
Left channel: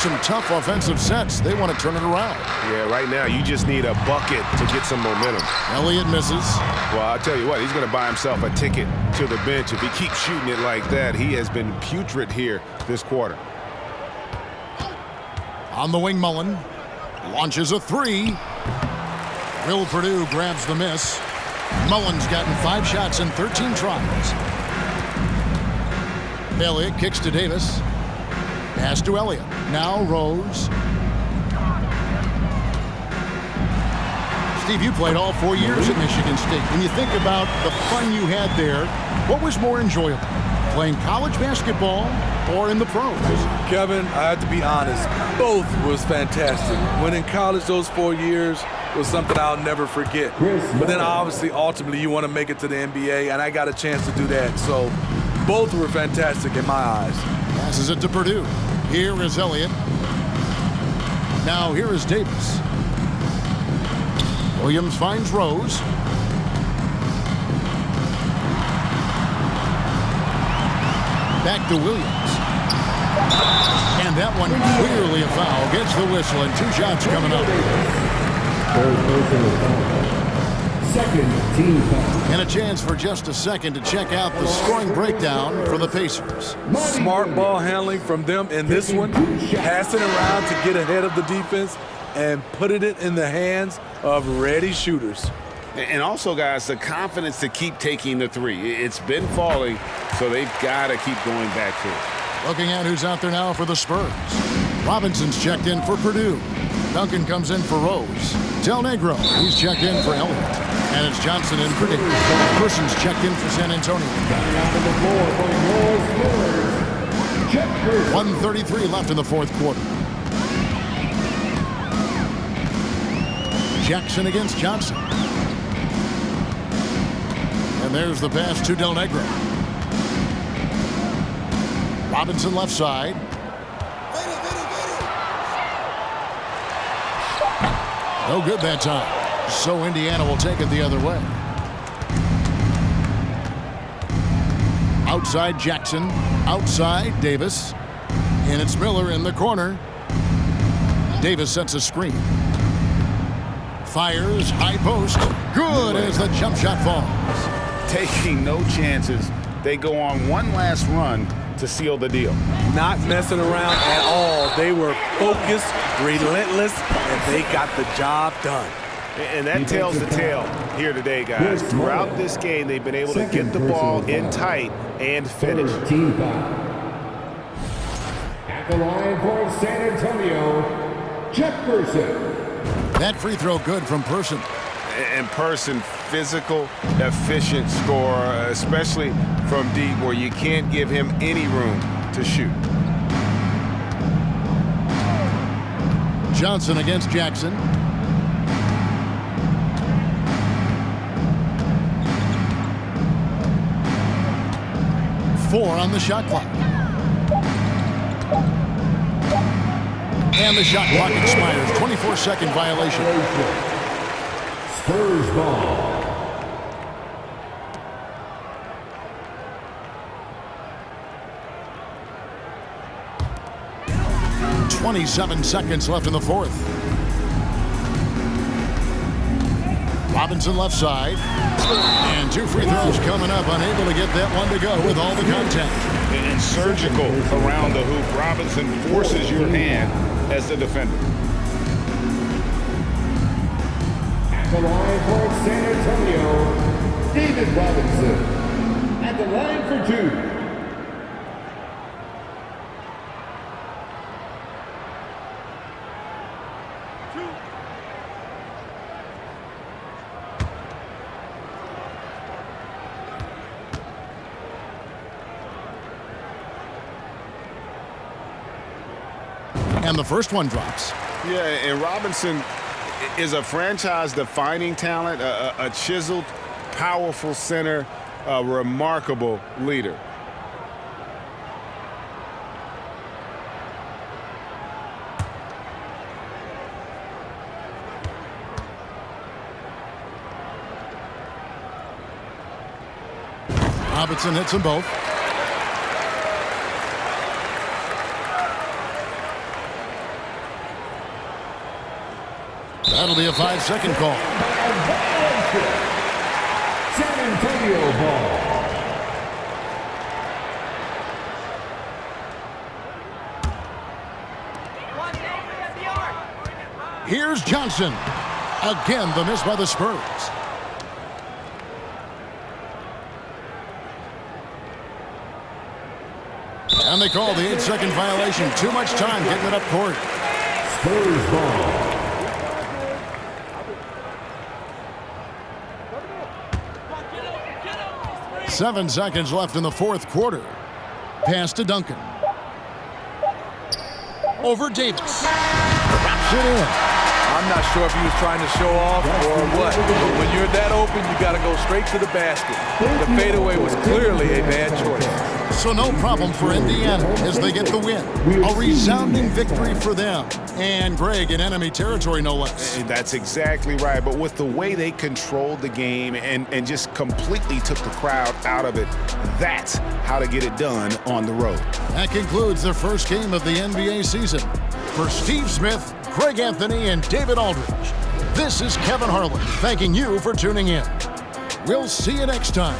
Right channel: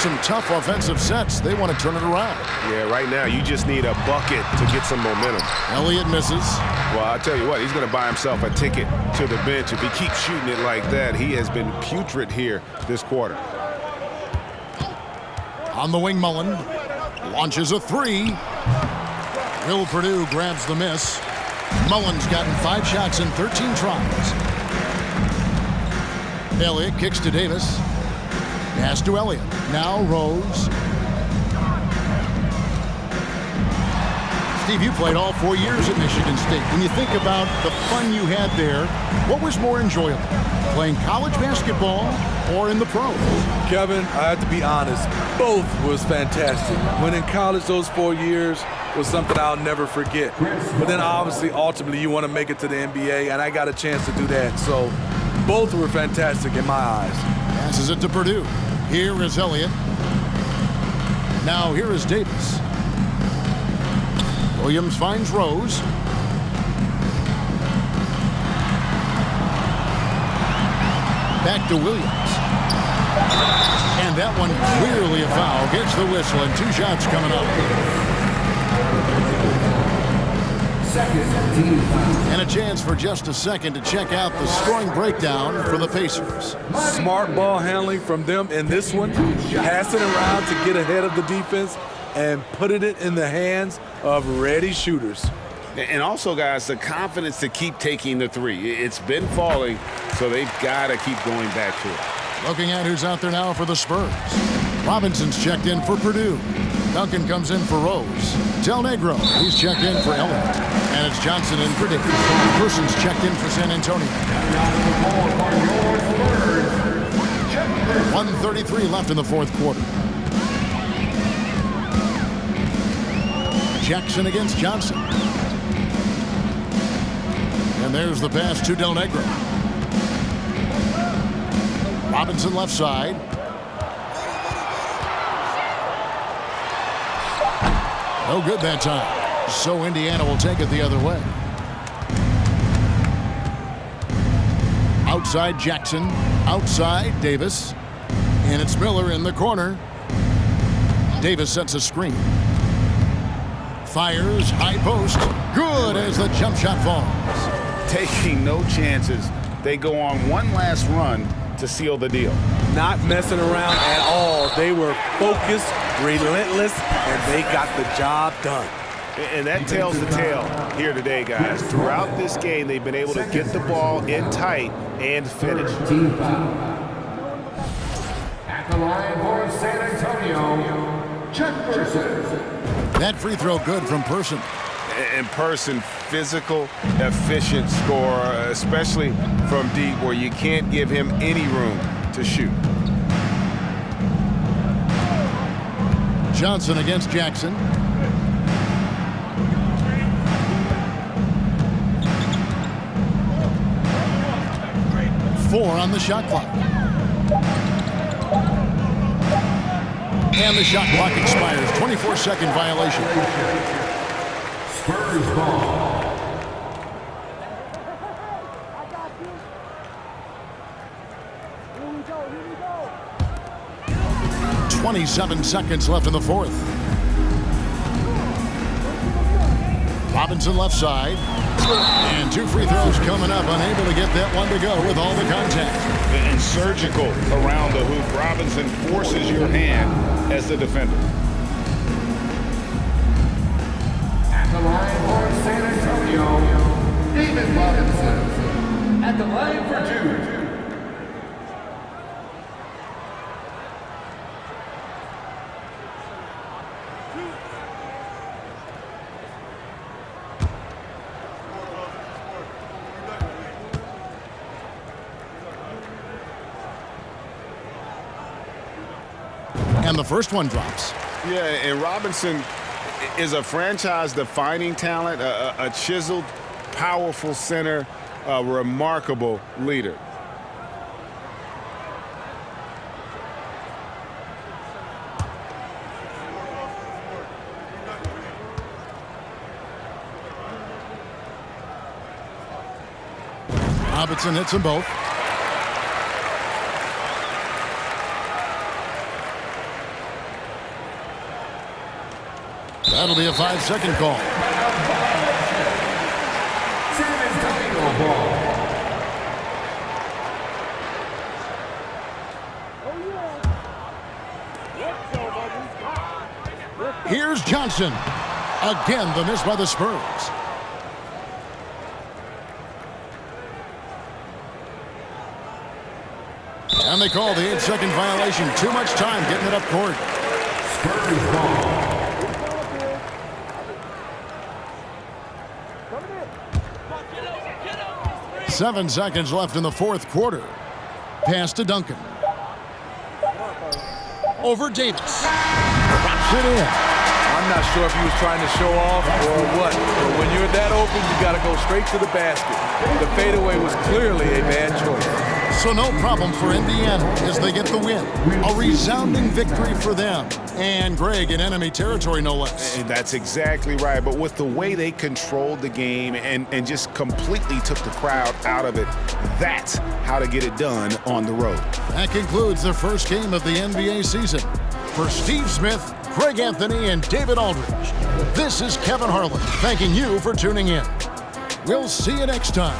Some tough offensive sets. They want to turn it around. Yeah, right now you just need a bucket to get some momentum. Elliott misses. Well, I'll tell you what, he's going to buy himself a ticket to the bench. If he keeps shooting it like that, he has been putrid here this quarter. On the wing, Mullen. Launches a three. Will Purdue grabs the miss. Mullen's gotten 5 shots in 13 tries. Elliott kicks to Davis. Pass to Elliott. Now Rose. Steve, you played all 4 years at Michigan State. When you think about the fun you had there, what was more enjoyable? Playing college basketball or in the pros? Kevin, I have to be honest, both was fantastic. When in college, those 4 years was something I'll never forget. But then obviously, ultimately, you want to make it to the NBA, and I got a chance to do that. So both were fantastic in my eyes. Passes it to Purdue. Here is Elliott. Now here is Davis. Williams finds Rose. Back to Williams. And that one clearly a foul. Gets the whistle and 2 shots coming up. Second team foul. And a chance for just a second to check out the scoring breakdown for the Pacers. Smart ball handling from them in this one. Passing around to get ahead of the defense and putting it in the hands of ready shooters. And also, guys, the confidence to keep taking the three. It's been falling, so they've got to keep going back to it. Looking at who's out there now for the Spurs. Robinson's checked in for Purdue. Duncan comes in for Rose. Del Negro, he's checked in for Elliott. And it's Johnson in for Davis. Person's checked in for San Antonio. 1:33 left in the fourth quarter. Jackson against Johnson. And there's the pass to Del Negro. Robinson left side. No good that time. So Indiana will take it the other way. Outside Jackson. Outside Davis. And it's Miller in the corner. Davis sets a screen. Fires, high post. Good as the jump shot falls. Taking no chances. They go on one last run to seal the deal. Not messing around at all. They were focused, relentless, and they got the job done. And that tells the tale here today, guys. Throughout this game, they've been able to get the ball in tight and finish. Team foul. At the line for San Antonio, Chuck Person. That free throw good from Person. And Person, physical, efficient scorer, especially from deep where you can't give him any room to shoot. Johnson against Jackson. Four on the shot clock. And the shot clock expires. 24-second violation. Spurs ball. Here 27 seconds left in the fourth. Robinson left side. And two free throws coming up. Unable to get that one to go with all the contact. And surgical around the hoop. Robinson forces your hand as the defender. At the line for San Antonio, David Robinson. At the line for two. And the first one drops. Yeah, and Robinson is a franchise-defining talent, a chiseled, powerful center, a remarkable leader. Robinson hits them both. That'll be a 5-second call. San Antonio ball. Here's Johnson. Again, the miss by the Spurs. And they call the 8-second violation. Too much time getting it up court. Spurs ball. 7 seconds left in the fourth quarter. Pass to Duncan. Over Davis. Drops it in. I'm not sure if he was trying to show off or what, but when you're that open, you got to go straight to the basket. The fadeaway was clearly a bad choice. So no problem for Indiana as they get the win. A resounding victory for them. And Greg in enemy territory, no less. And that's exactly right. But with the way they controlled the game and just completely took the crowd out of it, that's how to get it done on the road. That concludes the first game of the NBA season. For Steve Smith, Greg Anthony, and David Aldridge, this is Kevin Harlan thanking you for tuning in. We'll see you next time